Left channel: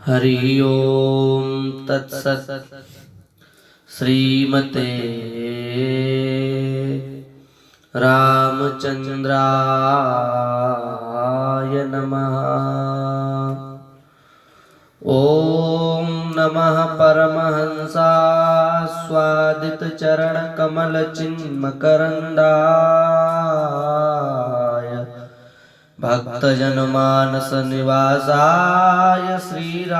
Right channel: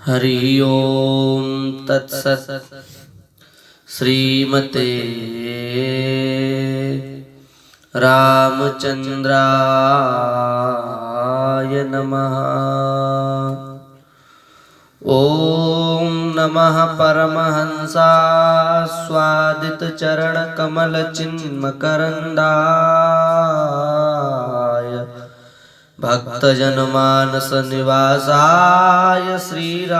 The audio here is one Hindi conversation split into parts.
हरि ओम तत्सत्। श्रीमते रामचंद्राय नमः। ओम नमः परमहंसास्वादित चरण कमल चिन्मकरंदाय भक्तजनमानस निवासाय श्रीरामचंद्राय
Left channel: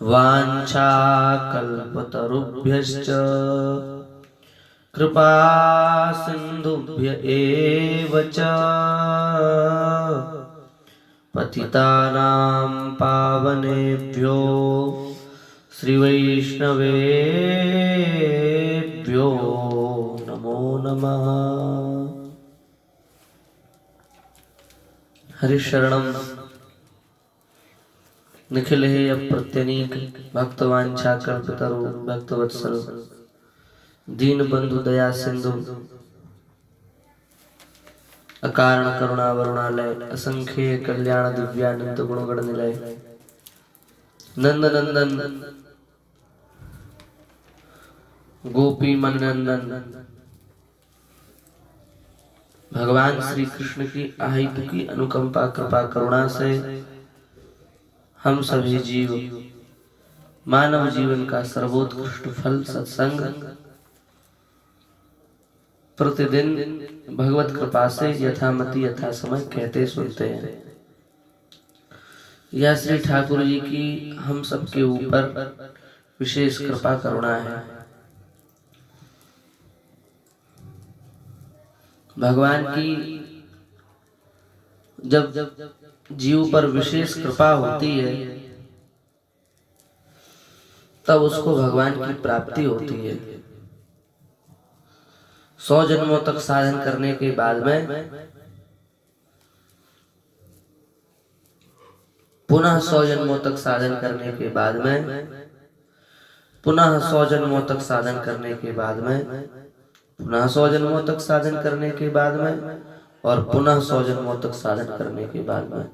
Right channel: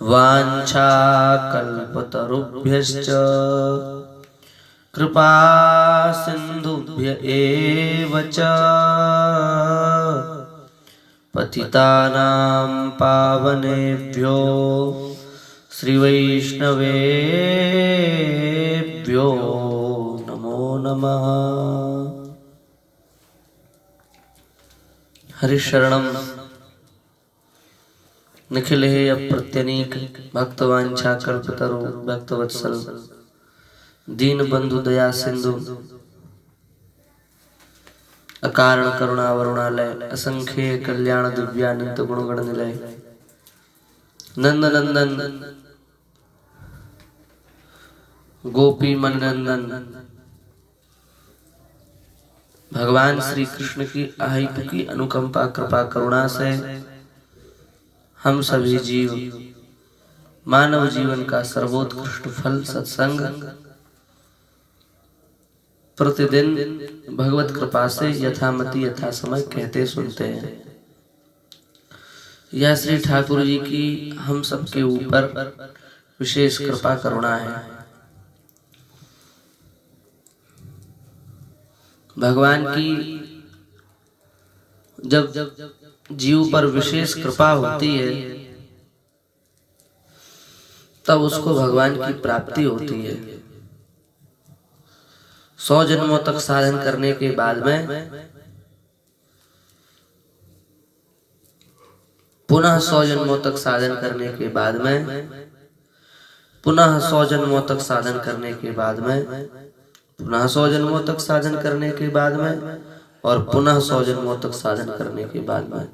वाञ्छाकल्पतरुभ्यश्च कृपा सिन्धुभ्य एव च पतितानां पावनेभ्यो श्रीवैष्णवेभ्यो नमो नमः। हरिशरणं निखिल हे अप्रत्यनीक भक्तवांछाकल्पतरु भक्तवत्सल दीन बंधु दया सिंधु अकारण करुणा वरुणालय असंख्य कल्याण दिव्यानंद गुणगण निलय नंद नंदन गोपी मननंदन भगवान श्री कृष्ण की अहिप की अनुकंपा कृपा करुणा से हम सभी जीव मानव जीवन का सर्वोत्कृष्ट फल सत्संग प्रतिदिन भगवत कृपा से यथामति यथा समय कहते सुनते हैं। यह श्री ठाकुर जी की हम सबके ऊपर विशेष कृपा करुणा है। भगवान की जब जीव पर विशेष कृपा होती है तब उसको भगवान की प्राप्ति होती है। 100 जन्मों तक साधन करने के बाद में पुनः 100 जन्मों तक साधन करने के बाद में पुनः 100 जन्मों तक साधन करने के बाद में पुनः 100 जन्मों तक साधन करने के बाद में और पुनः 100 जन्मों तक साधन करने के बाद में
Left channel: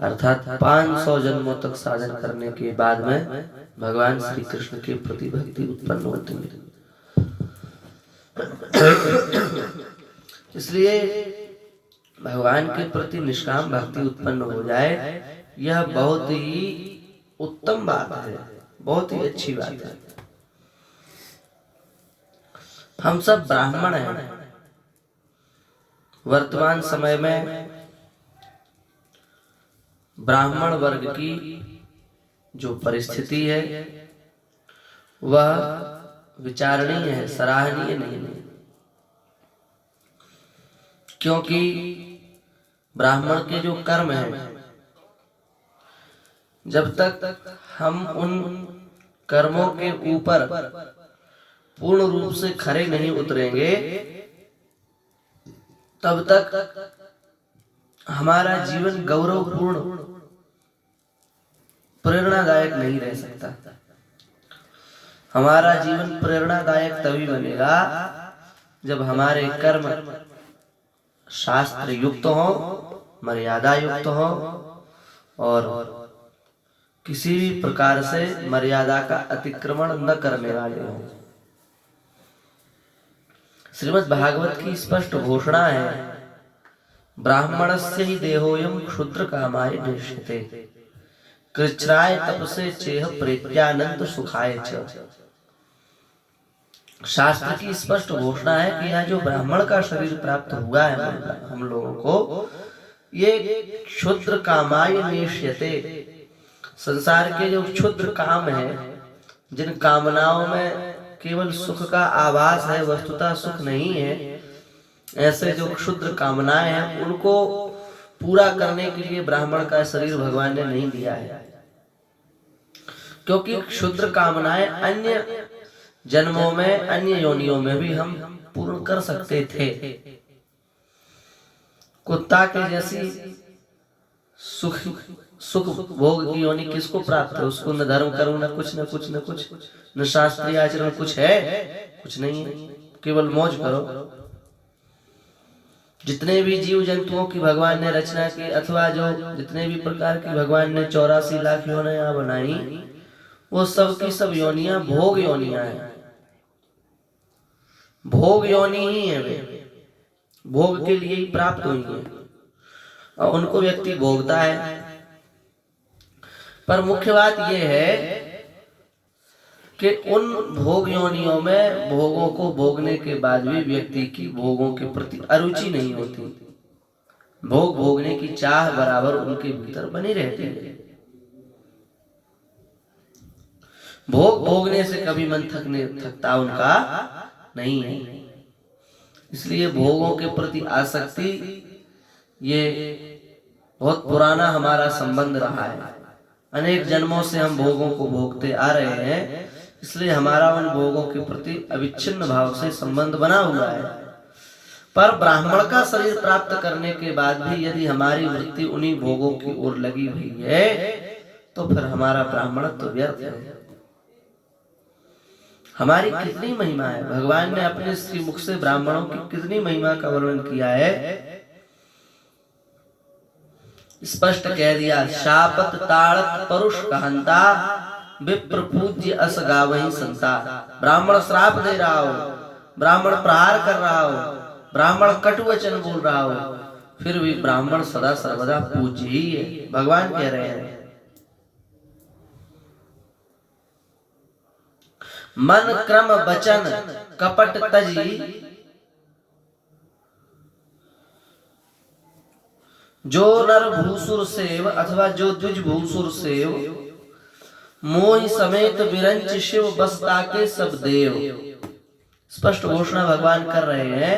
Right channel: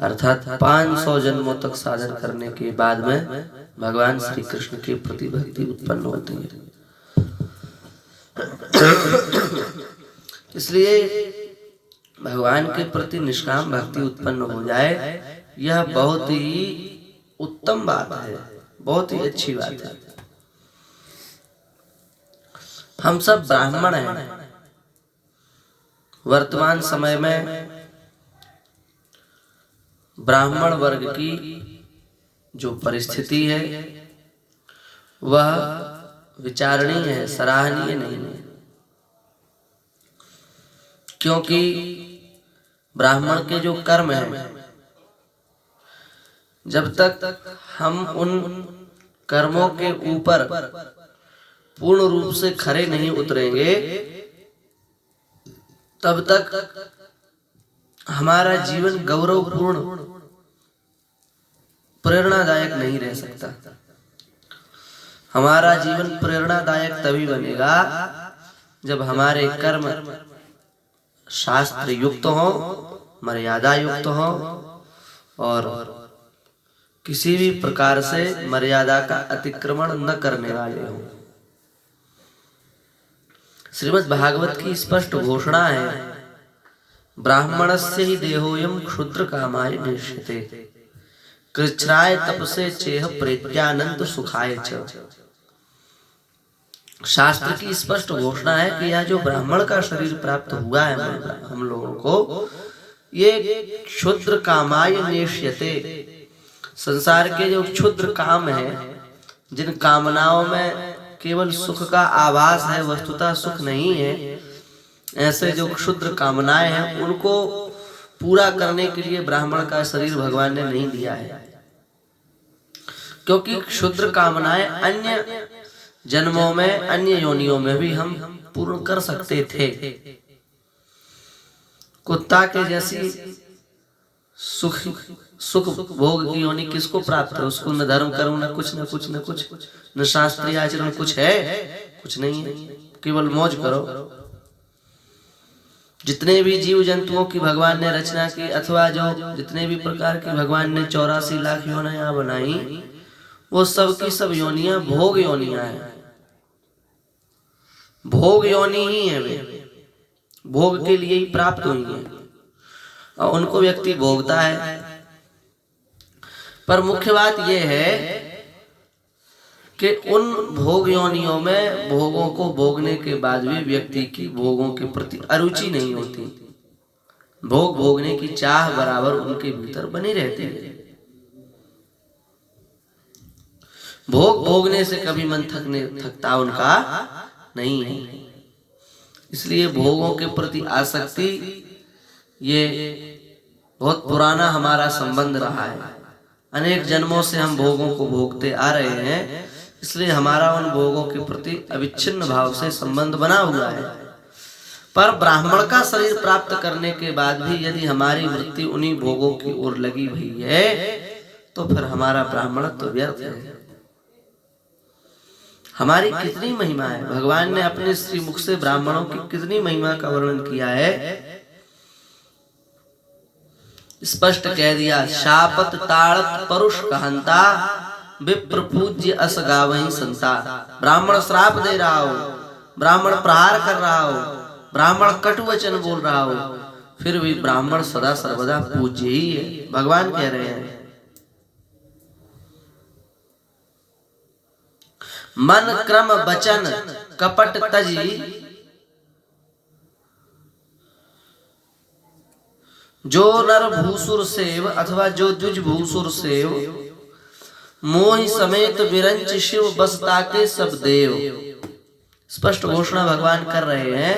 अर्थात 500 जन्मों तक साधन करने के बाद में भगवान श्री कृष्ण की प्रति भक्ति उत्पन्न होती है। इसलिए भगवान के प्रति निष्काम भक्ति उत्पन्न हो जाए यह बहुत ही उत्तम बात है, बहुत ही अच्छी बात है। हम सब ब्राह्मण हैं। वर्तमान समय में ब्राह्मण वर्ग की जो परिस्थिति है वह विचारणीय है, सराहनीय नहीं है। क्योंकि ब्राह्मण के जो कर्म हैं जब तक हम उन कर्मों के ऊपर पूर्ण रूप से खरे नहीं उतरेंगे तब तक हमारा जीवन गौरवपूर्ण प्रेरणादायक नहीं रह सकता। हमारा जीवन प्रेरणादायक तभी बनेगा जब हमारे कर्म शास्त्र युक्त हो, मर्यादा युक्त हो और किसी भी प्रकार से मर्यादा का अतिक्रमण न करने वाले हों। श्रीमद् भागवत की स्पष्ट घोषणा है, ब्राह्मणस्य ही देहोयम क्षुद्र कामाय निश्चिते कृच्छ्राय तपसे चेह प्रेत्यानंद सुखाय च। शास्त्र की स्पष्ट घोषणा है कि यह जो ब्राह्मण का शरीर प्राप्त हुआ है हम लोगों को, ये क्षुद्र कामाय निश्चिते, संसार के जो क्षुद्र काम है, जिन कामनाओं में केवल सुख का आभास है, वस्तुतः सुख नहीं है, ऐसे जो क्षुद्र कामनाएं हैं उनको पूरा करने के लिए ब्राह्मण का शरीर भगवान ने नहीं दिया है। क्योंकि क्षुद्र कामनाएं अन्य जन्मों में, अन्य योनियों में भी हम पूर्ण कर सकते थे। कुत्ता के जैसी सुख भोग की योनि किसको प्राप्त है? उसको न धर्म करूं न कुछ न कुछ न कुछ, न शास्त्रीय आचरण कुछ है, कुछ नहीं है, केवल मौज करो। जितने भी जीव जंतुओं की भगवान ने रचना की, अथवा जो जितने भी प्रकार की भगवान ने 84 लाख योनियां बनाई, वो सब की सब योनियां भोग योनियां है। भोग योनि ही है वे, भोग के लिए ही प्राप्त हुई है और उनको व्यक्ति भोगता है। पर मुख्य बात यह है कि उन भोग योनियों में भोगों को भोगने के बाद भी व्यक्ति की भोगों के प्रति अरुचि नहीं होती। भोग भोगने की चाह बराबर उनके भीतर बनी रहती है। भोग भोगने से कभी मन थकता उनका नहीं है। इसलिए भोगों के प्रति आसक्ति ये बहुत पुराना हमारा संबंध रहा है। अनेक जन्मों से हम भोगों को भोगते आ रहे हैं, इसलिए हमारा उन भोगों के प्रति अविच्छिन्न भाव से संबंध बना हुआ है। पर ब्राह्मण का शरीर प्राप्त करने के बाद भी यदि हमारी वृत्ति उन्हीं भोगों की ओर लगी हुई है, तो फिर हमारा ब्राह्मण तो व्यर्थ है। हमारी कितनी महिमा है। भगवान ने अपने श्री मुख से ब्राह्मणों की कितनी महिमा का वर्णन किया है, स्पष्ट कह दिया। शापत ताड़त परुष कहंता, विप्र पूज्य अस गावहि संता। ब्राह्मण श्राप दे रहा हो, ब्राह्मण प्रहार कर रहा हो, ब्राह्मण कटु वचन बोल रहा हो, फिर भी ब्राह्मण सदा सर्वदा पूज्य ही है। भगवान कह रहे हैं, मन क्रम वचन कपट तजी, जो नर भूसुर सेव, अथवा जो द्विज भूसुर सेव, मोहि समेत विरंच शिव बसता के सब देव। स्पष्ट घोषणा भगवान कर रहे हैं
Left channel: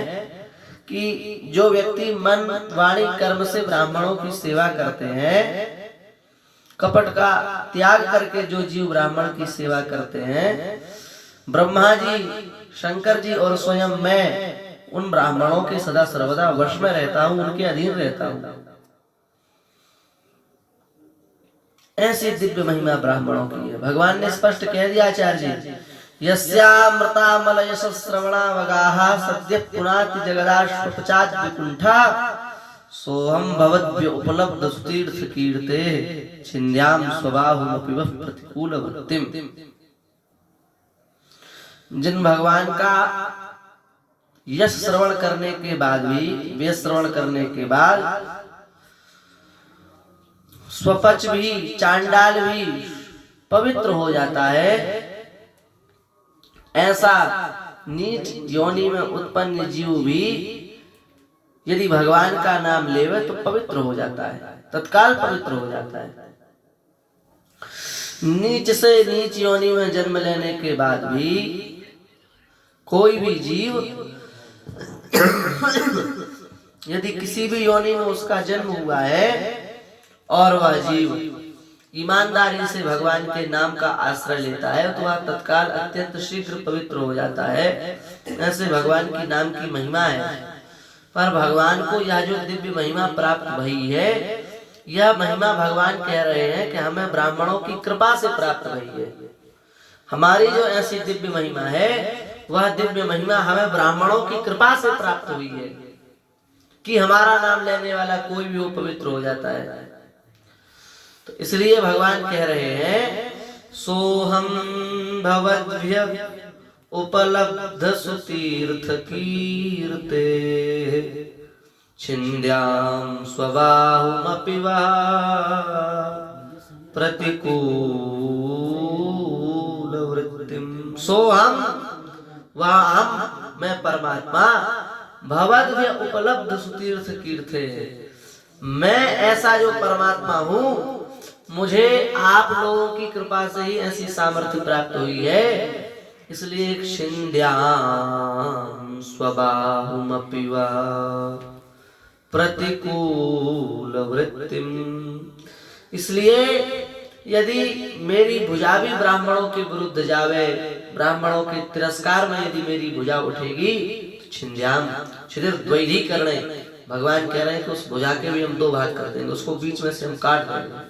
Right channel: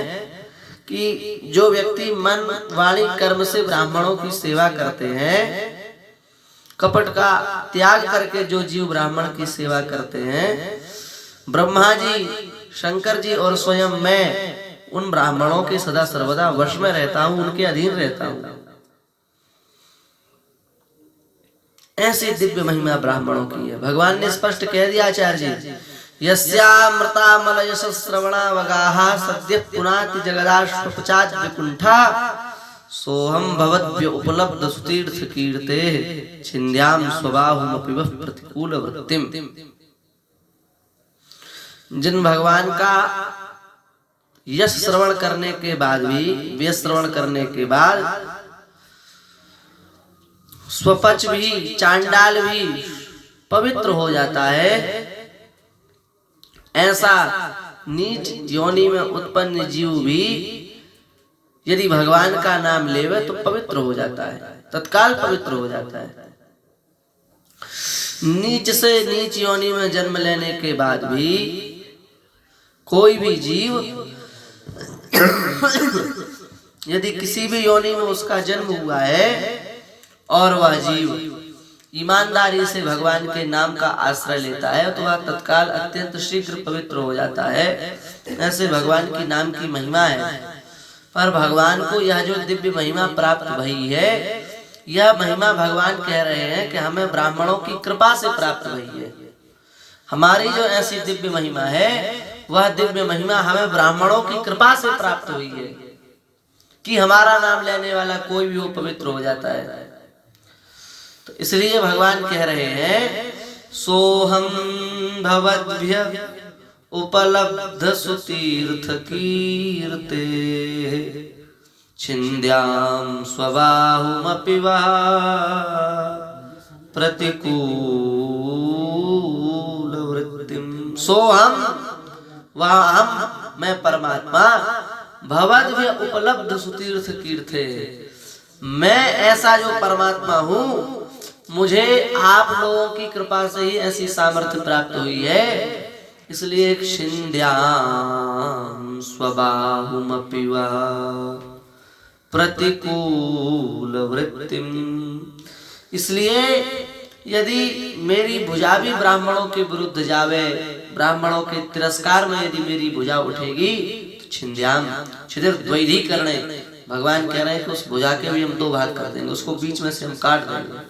कि जो व्यक्ति मन वाणी कर्म से ब्राह्मणों की सेवा करते हैं, कपट का त्याग करके जो जीव ब्राह्मण की सेवा करते हैं, ब्रह्मा जी, शंकर जी और स्वयं मैं उन ब्राह्मणों के सदा सर्वदा वश में रहता हूं, उनके अधीन रहता हूं। ऐसी दिव्य महिमा ब्राह्मणों की है। भगवान ने स्पष्ट कह दिया आचार्य जी, यस्यामृतामलय श्रवणावगाः सद्य पुनाति जगदाश्वपचात विकुंठा, सोहम भवद्भ्य उपलब्ध सुतीर्थ कीर्ते, छिन्द्याम स्वबाहुमपि वः प्रतिकूल वृत्तिम। जिन भगवान का यश श्रवण करने के बाद भी, व्यय श्रवण करने के बाद स्वपच भी, चांडाल भी पवित्र हो जाता है, ऐसा नीच योनि में उत्पन्न जीव भी यदि भगवान का नाम लेवे तो पवित्र हो जाता है, तत्काल पवित्र हो जाता है। नीच से नीच योनि में जन्म लेने के बाद भी कोई भी जीव यदि किसी भी योनि में उसका जन्म हुआ है और वह जीव ईमानदारी से भगवान के नाम का आश्रय लेता है, तो वह तत्काल अत्यंत शीघ्र पवित्र हो जाता है। ऐसे भगवान की नाम की महिमा है। पर भगवान को यह जो दिव्य महिमा प्राप्त भई है, यह महिमा भगवान कह रहे हैं कि हमें ब्राह्मणों की कृपा से प्राप्त भई है। हमारी जो ऐसी दिव्य महिमा है, वह दिव्य महिमा हमें ब्राह्मणों की कृपा से प्राप्त हुई है कि हमारा नाम लेने वाला कोई भी वो पवित्र हो जाता है। तो इसलिए भगवान कह रहे हैं, सोहम भवद्भ्य उपलब्ध सुतीर्थ कीर्ते, छिन्द्याम स्वबाहुमपि वा प्रतिकूल वृत्तिम। सोहम, वह हम, मैं परमात्मा, भवद्भ्य उपलब्ध सुतीर्थ कीर्ते, मैं ऐसा जो परमात्मा हूं, मुझे आप लोगों की कृपा से ही ऐसी सामर्थ्य प्राप्त हुई है। इसलिए छिन्द्याम स्वबाहुमपि वा प्रतिकूल वृत्तिम। इसलिए यदि मेरी भुजा भी ब्राह्मणों के विरुद्ध जावे, ब्राह्मणों के तिरस्कार में यदि मेरी भुजा उठेगी, तो छिन्द्याम, छिद्र द्वैधी करने, भगवान कह रहे हैं कि उस भुजा के भी हम दो भाग कर देंगे, उसको बीच में से हम काट देंगे।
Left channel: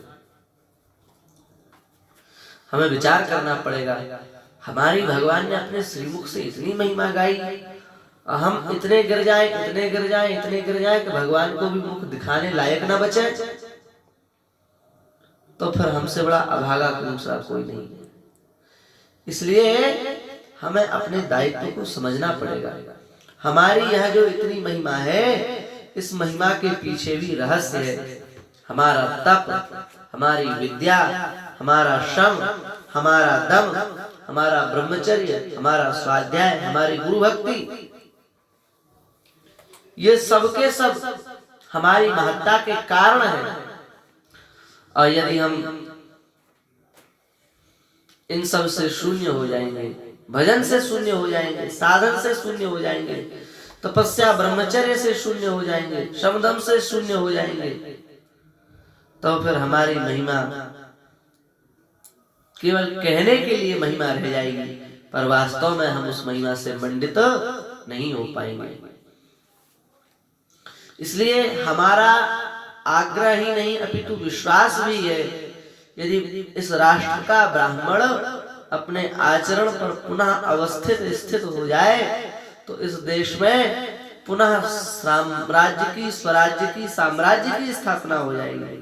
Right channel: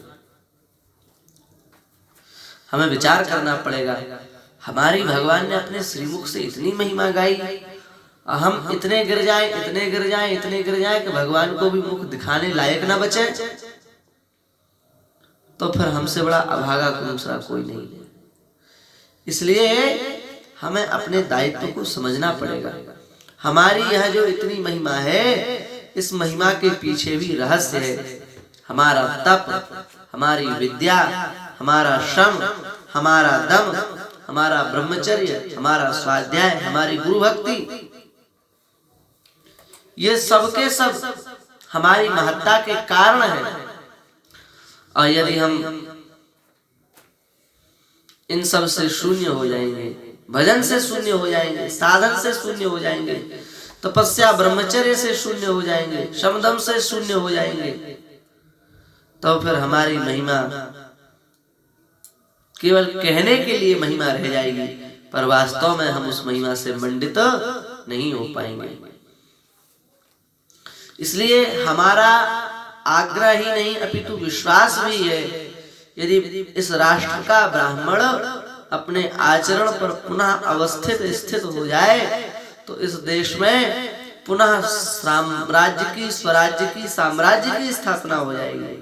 हमें विचार करना पड़ेगा। हमारी भगवान ने अपने श्रीमुख से इतनी महिमा गाई हम इतने गिर जाएं, इतने गिर जाएं, इतने गिर जाएं कि भगवान को भी मुख दिखाने लायक ना बचे, तो फिर हमसे बड़ा अभागा दूसरा कोई नहीं है। इसलिए हमें अपने दायित्व को समझना पड़ेगा। हमारी यह जो इतनी महिमा है, इस महिमा के पीछे भी रहस्य है। हमारा तप, हमारी विद्या, हमारा श्रम, हमारा दम, हमारा ब्रह्मचर्य, हमारा स्वाध्याय, हमारी गुरु भक्ति, ये सबके सब हमारी महत्ता के कारण है। और यदि हम इन सब से शून्य हो जाएंगे, भजन से शून्य हो जाएंगे, साधन से शून्य हो जाएंगे, तपस्या ब्रह्मचर्य से शून्य हो जाएंगे, शमदम से शून्य हो जाएंगे, तो फिर हमारी महिमा केवल कहने के लिए महिमा रह जाएगी, पर वास्तव में हम उस महिमा से मंडित नहीं हो पाएंगे। इसलिए हमारा आग्रह ही नहीं अपितु विश्वास भी है, यदि इस राष्ट्र का ब्राह्मण अपने आचरण पर पुनः अवस्थित स्थित हो जाए तो इस देश में पुनः साम्राज्य की, स्वराज्य की, साम्राज्य की स्थापना हो जाएगी।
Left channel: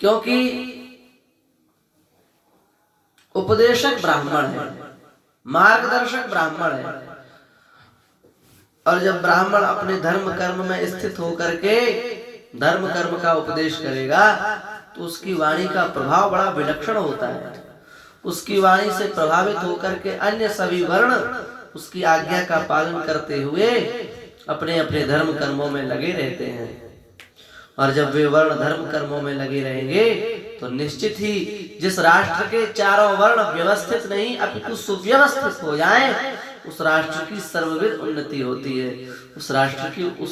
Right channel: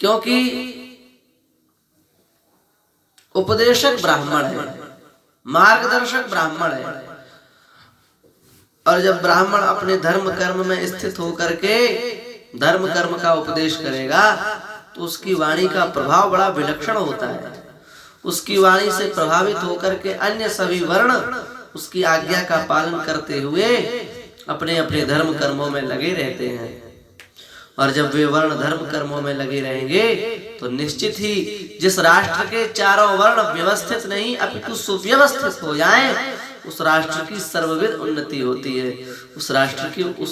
क्योंकि उपदेशक ब्राह्मण है, मार्गदर्शक ब्राह्मण है, और जब ब्राह्मण अपने धर्म कर्म में स्थित होकर के धर्म कर्म का उपदेश करेगा तो उसकी वाणी का प्रभाव बड़ा विलक्षण होता है। उसकी वाणी से प्रभावित होकर के अन्य सभी वर्ण उसकी आज्ञा का पालन करते हुए अपने अपने धर्म कर्मों में लगे रहते हैं। और जब वे वर्ण धर्म कर्मों में लगे रहेंगे तो निश्चित ही जिस राष्ट्र के चारों वर्ण व्यवस्थित नहीं अपितु सुव्यवस्थित हो जाएं, उस राष्ट्र की सर्वविध उन्नति होती है। उस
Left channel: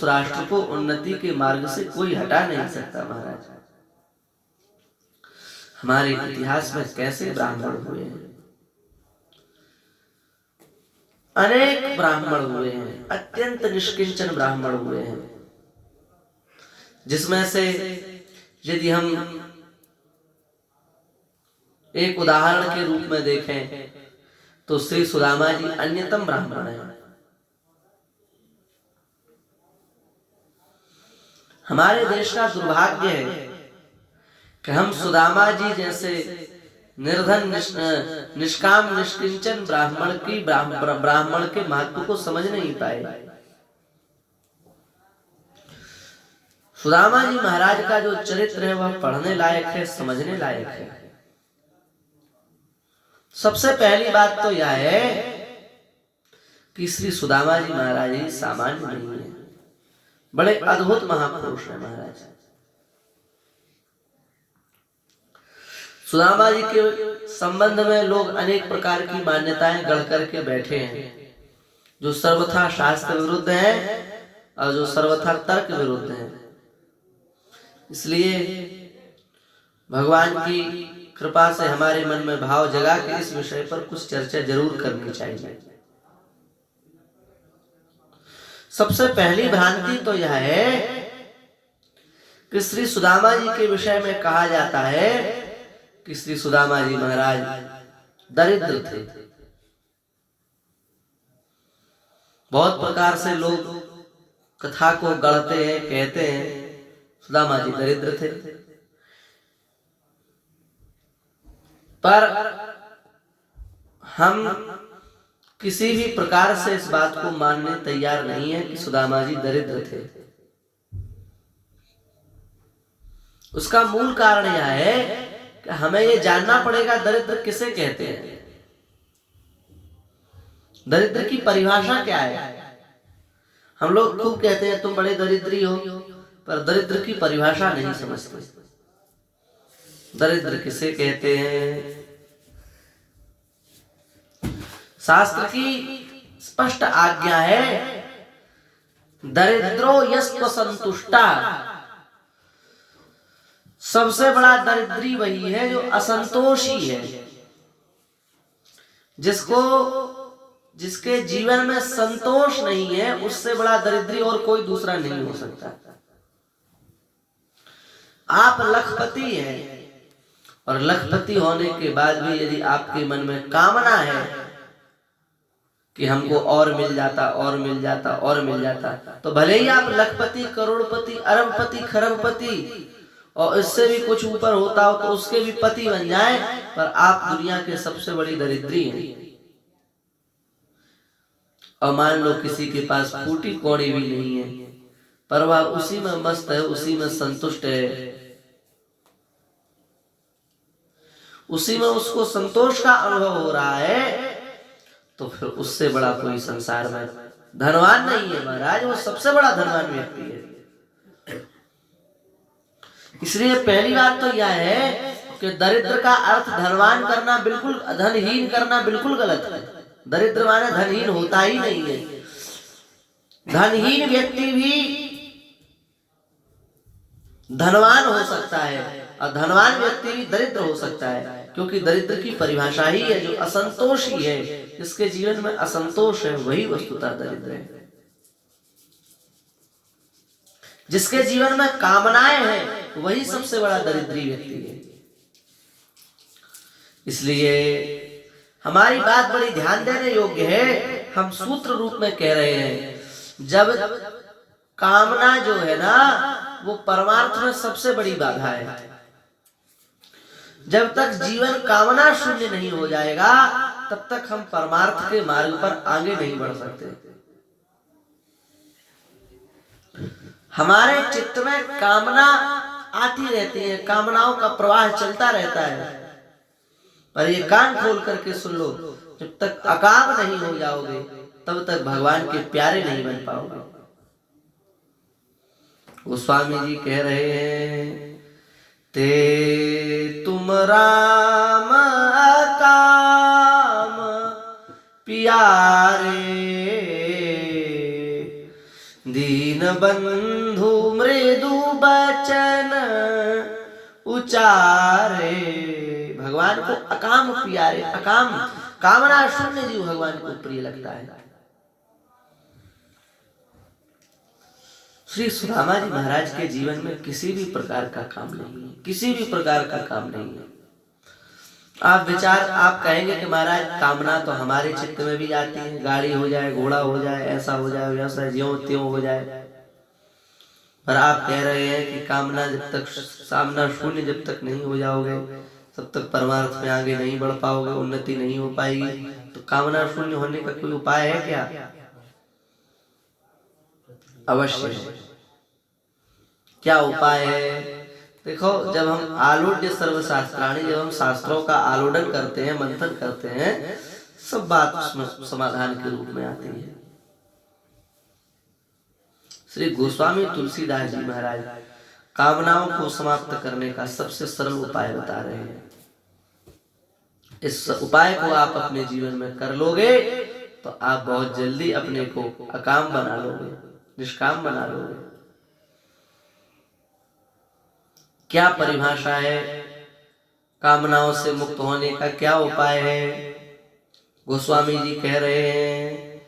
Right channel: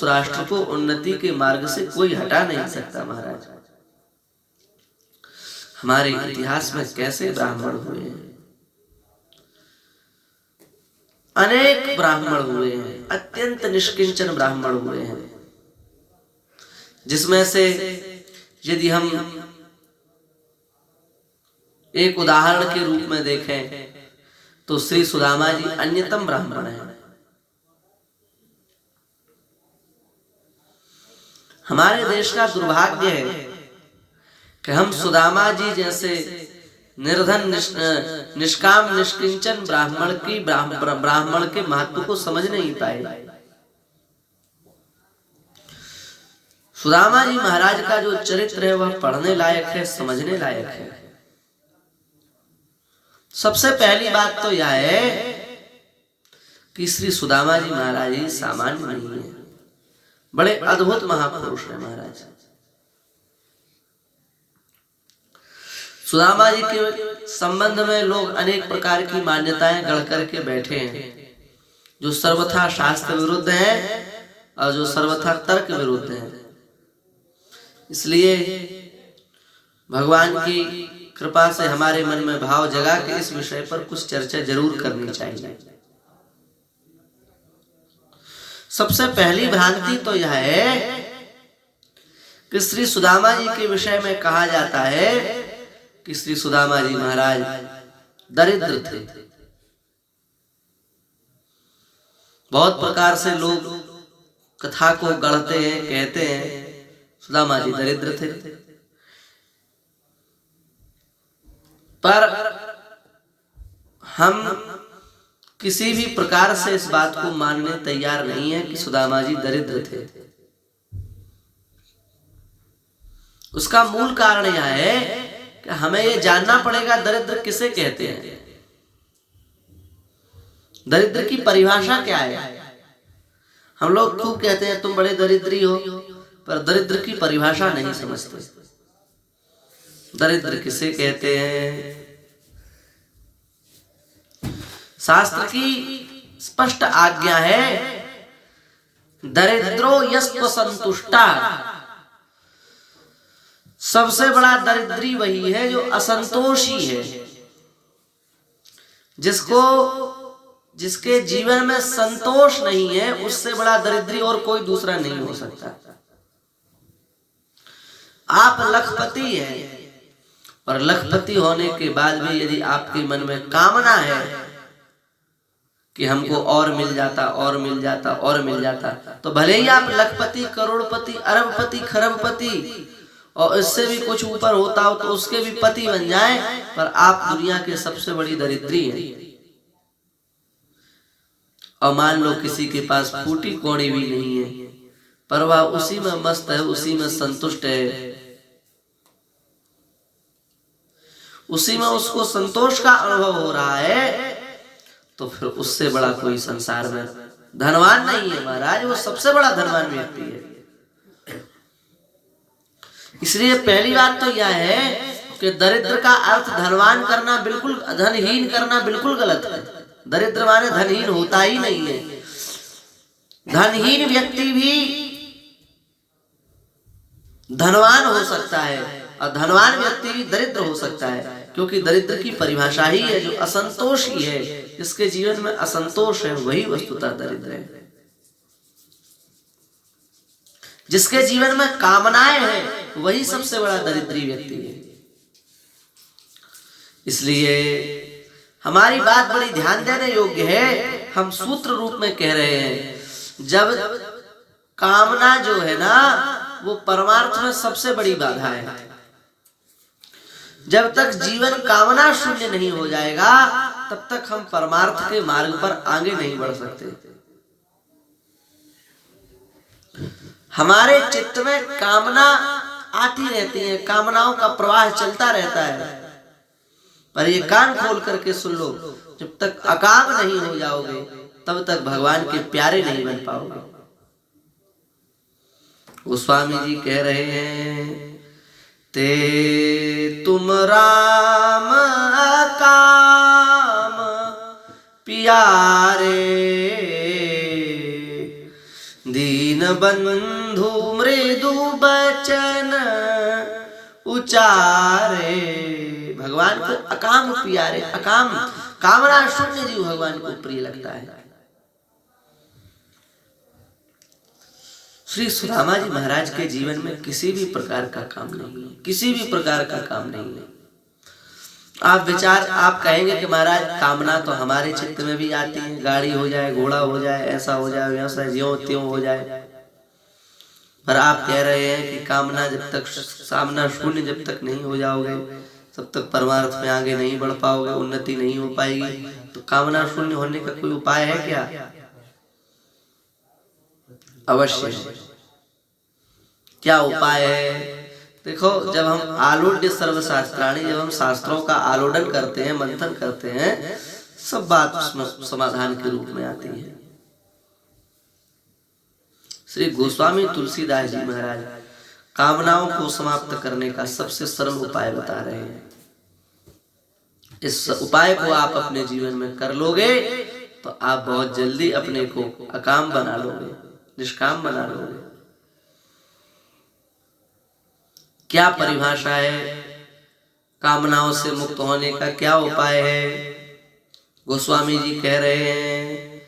राष्ट्र को उन्नति के मार्ग से कोई हटा नहीं सकता। महाराज, हमारे इतिहास में कैसे ब्राह्मण हुए हैं, अनेक ब्राह्मण हुए हैं, अत्यंत निष्किंचन ब्राह्मण हुए हैं, जिसमें से यदि हम एक उदाहरण के रूप में देखें तो श्री सुदामा जी अन्यतम ब्राह्मण है। हमारे देश का दुर्भाग्य है कि हम सुदामा जी जैसे निर्धन निष्काम निष्किंचन ब्राह्मण के महत्व को समझ नहीं पाए। सुदामा जी महाराज का जो चरित्र है वह पढ़ने लायक है, समझने लायक है। सबसे पहली बात तो यह है कि श्री सुदामा जी महाराज जी सामान्य नहीं है, बड़े अद्भुत महापुरुष है महाराज। सुदामा जी के संबंध में लोग अनेक प्रकार की मान्यताएं गढ़ करके बैठे हैं, जो सर्वथा शास्त्र विरुद्ध है और जो सर्वथा तर्क विरुद्ध है। इसलिए भगवान की कृपा से हमारे मन में भाव जगा के इस विषय पर कुछ चर्चा जरूर करनी चाहिए। सबसे पहली भ्रांति तो यह है कि श्री सुदामा जी के विषय में कहा जाता है कि श्री सुदामा जी महाराज दरिद्र थे। बहुत प्रकार से लोग कथा को गढ़ते हैं, कहते हैं सुदामा जी दरिद्र थे, पर हम किसी भी प्रकार से इस बात को मानने तैयार नहीं है कि सुदामा जी दरिद्र थे। उसका मूल कारण यह है कि हमें यह जानना पड़ेगा दरिद्र किसे कहते हैं, दरिद्र की परिभाषा क्या है। हम लोग खूब कहते हैं तुम बड़े दरिद्री हो, पर दरिद्र की परिभाषा नहीं समझते। दरिद्र किसे कहते हैं? शास्त्र की स्पष्ट आज्ञा है, दरिद्रो यस्त्व संतुष्टा। सबसे बड़ा दरिद्री वही है जो असंतोषी है, जिसके जीवन में संतोष नहीं है, उससे बड़ा दरिद्री और कोई दूसरा नहीं हो सकता। आप लखपति हैं और लखपति होने के बाद भी यदि आपके मन में कामना है कि हमको और मिल जाता और मिल जाता और मिल जाता। तो भले ही आप लखपति, करोड़पति, अरबपति, खरबपति और इससे भी कुछ ऊपर होता हो तो उसके भी पति बन जाए, पर आप दुनिया के सबसे बड़ी दरिद्री हैं। और मान लो किसी के पास फूटी कौड़ी भी नहीं है, पर वह उसी में मस्त है, उसी में संतुष्ट है, उसी में उसको संतोष का अनुभव हो रहा है, तो फिर उससे बड़ा कोई संसार में धनवान नहीं है महाराज। वो सबसे बड़ा धनवान व्यक्ति है। इसलिए पहली बात तो यह है कि दरिद्र का अर्थ धनवान करना बिल्कुल, धनहीन करना बिल्कुल गलत है। दरिद्र माने धनहीन होता ही नहीं है। धनहीन व्यक्ति भी धनवान हो सकता है और धनवान व्यक्ति भी दरिद्र हो सकता है, क्योंकि दरिद्र की परिभाषा ही है जो असंतोष ही है। जिसके जीवन में असंतोष है वही वस्तुतः दरिद्र है। जिसके जीवन में कामनाएं हैं वही सबसे बड़ा दरिद्री व्यक्ति है। इसलिए हमारी बात बड़ी ध्यान देने योग्य है। हम सूत्र रूप में कह रहे हैं, जब कामना जो है ना वो परमार्थ में सबसे बड़ी बाधा है। जब तक जीवन कामना शून्य नहीं हो जाएगा तब तक हम परमार्थ के मार्ग पर आगे नहीं बढ़ सकते। हमारे चित्त में कामना आती रहती है, कामनाओं का प्रवाह चलता रहता है, पर ये कान खोल करके सुन लो, जब तक अकाम नहीं हो जाओगे तब तक भगवान के प्यारे नहीं बन पाओगे। गोस्वामी जी कह रहे हैं, ते तुम राम अकाम प्यारे, दीन बंधु मृदु बचन उचारे। भगवान को अकाम प्यारे, अकाम कामना शून्य जीव भगवान को प्रिय लगता है। श्री सुदामा जी महाराज के जीवन में किसी भी प्रकार का काम नहीं है, किसी भी प्रकार का काम नहीं है। आप कहेंगे कि महाराज कामना तो हमारे चित्त में भी आती है, गाड़ी हो जाए, घोड़ा हो जाए, ऐसा हो जाए, वैसा ज्यों त्यों हो जाए, पर आप कह रहे हैं कि कामना जब तक सामना शून्य जब तक नहीं हो जाओगे तब तक परमार्थ में आगे नहीं बढ़ पाओगे, उन्नति नहीं हो पाएगी। तो कामना शून्य होने का कोई उपाय है क्या? अवश्य है। क्या उपाय है? देखो, जब हम आलोड्य सर्वशास्त्राणी, जब हम शास्त्रों का आलोडन करते हैं, मंथन करते हैं, सब बात समाधान के रूप में आती है। श्री गोस्वामी तुलसीदास जी महाराज कामनाओं को समाप्त करने का सबसे सरल उपाय बता रहे हैं। इस उपाय को आप अपने जीवन में कर लोगे तो आप बहुत जल्दी अपने को अकाम बना लोगे, निष्काम बना लोगे। क्या परिभाषा है कामनाओं से मुक्त होने का? क्या उपाय है? गोस्वामी जी कह रहे हैं,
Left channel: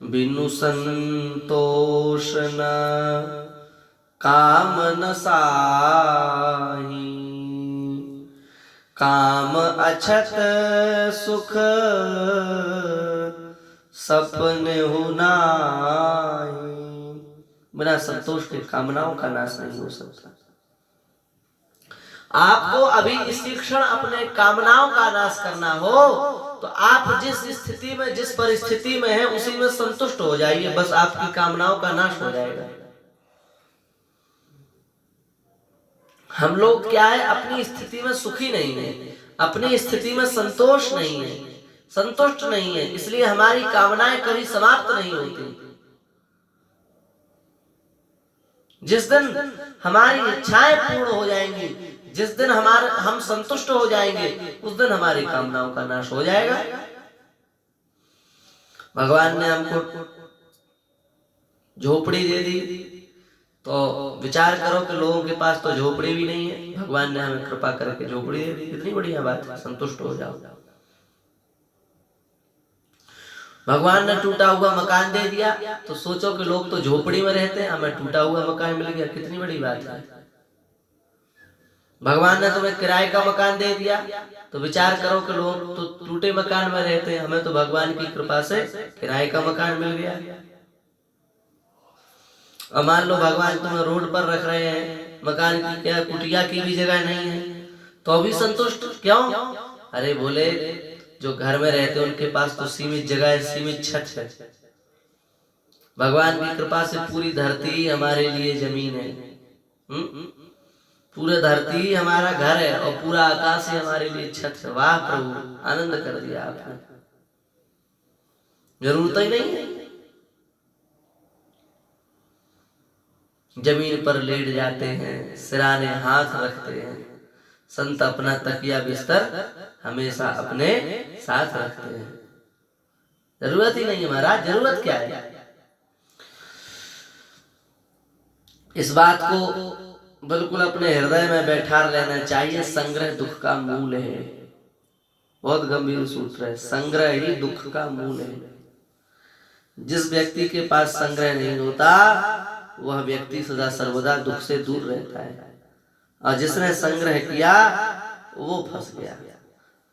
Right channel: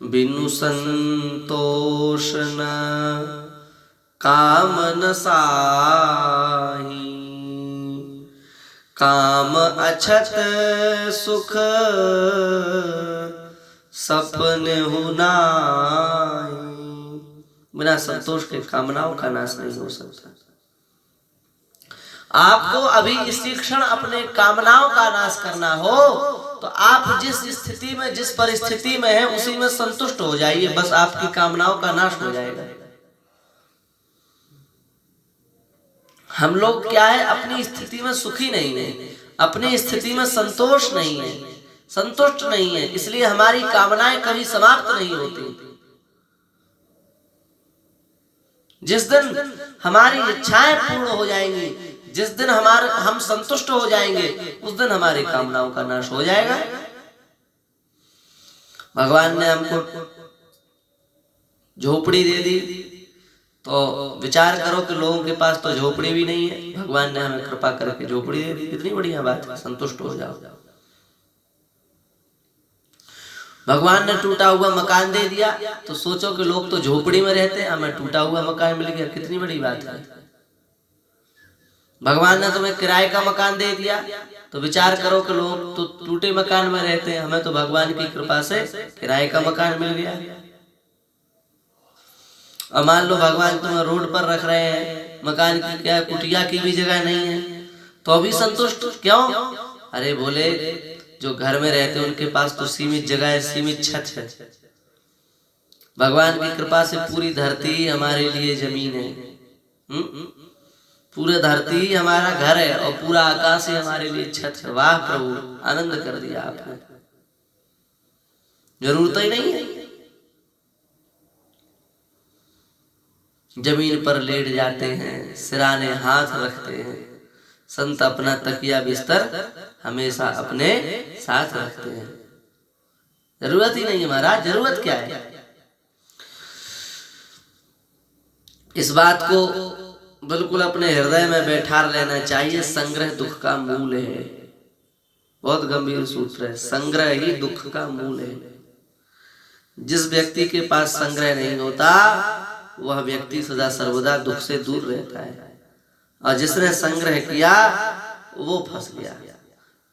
बिनु संतोष न काम न साही, काम अछत सुख सपने हो नाहि। बिना संतोष के कामनाओं का नाश नहीं हो सकता। आपको अभी इसी क्षण अपने कामनाओं का नाश करना हो तो आप जिस स्थिति में, जिस परिस्थिति में है उसी में संतुष्ट हो जाइए, बस आपकी कामनाओं का नाश हो जाएगा। हम लोग क्या है, अपनी स्थिति में सुखी नहीं है, अपनी स्थिति में संतोष नहीं है, संतुष्ट नहीं है, इसलिए हमारी कामनाएं कभी समाप्त नहीं होती। जिस दिन हमारी इच्छाएं पूर्ण हो जाएंगी, जिस दिन हम संतुष्ट हो जाएंगे, उस दिन हमारी कामनाओं का नाश हो जाएगा। भगवान ने हमको झोपड़ी दे दी, तो विचार करो कि लोगों के पास तो झोपड़ी भी नहीं है, भगवान ने हमें कृपा करके झोपड़ी दे दी। कितनी बढ़िया बात है, संतुष्ट हो जाओ। भगवान ने टूटा हुआ मकान दे दिया तो सोचो कि लोग तो झोपड़ी में रहते हैं, हमें टूटा हुआ मकान मिल गया, कितनी बड़ी बात है। भगवान ने तुम्हें किराए का मकान दे दिया तो विचार करो कि लोग तो टूटे मकान में रहते हैं, हमें तो भगवान की कृपा से किराए का मकान मिल गया। और मान लो भगवान तुम्हें रोड पर रख रहे हैं, मकान की क्या कुटिया की भी जगह नहीं है, तो भी संतुष्ट क्यों? अरे बोले जो घर में रहते हैं उनके पास तो सीमित जगह है, सीमित छत है। भगवान की कृपा से पूरी धरती हमारे लिए जमीन है, पूरा धरती हमारा घर है और पूरा आकाश ही हमारे लिए छत है। वाह प्रभु, आनंद कर दिया आपने, जरूरत ही नहीं है। जमीन पर लेट जाते हैं, सिराने हाथ रखते हैं। संत अपना तकिया बिस्तर हमेशा अपने साथ रखते हैं। जरूरत ही नहीं है महाराज, जरूरत क्या है? इस बात को बिल्कुल अपने हृदय में बैठा लेना चाहिए। संग्रह दुख का मूल है। बहुत गंभीर सूत्र है, संग्रह ही दुख का मूल है। जिस व्यक्ति के पास संग्रह नहीं होता वह व्यक्ति सदा सर्वदा दुख से दूर रहता है, और जिसने संग्रह किया वो फंस गया।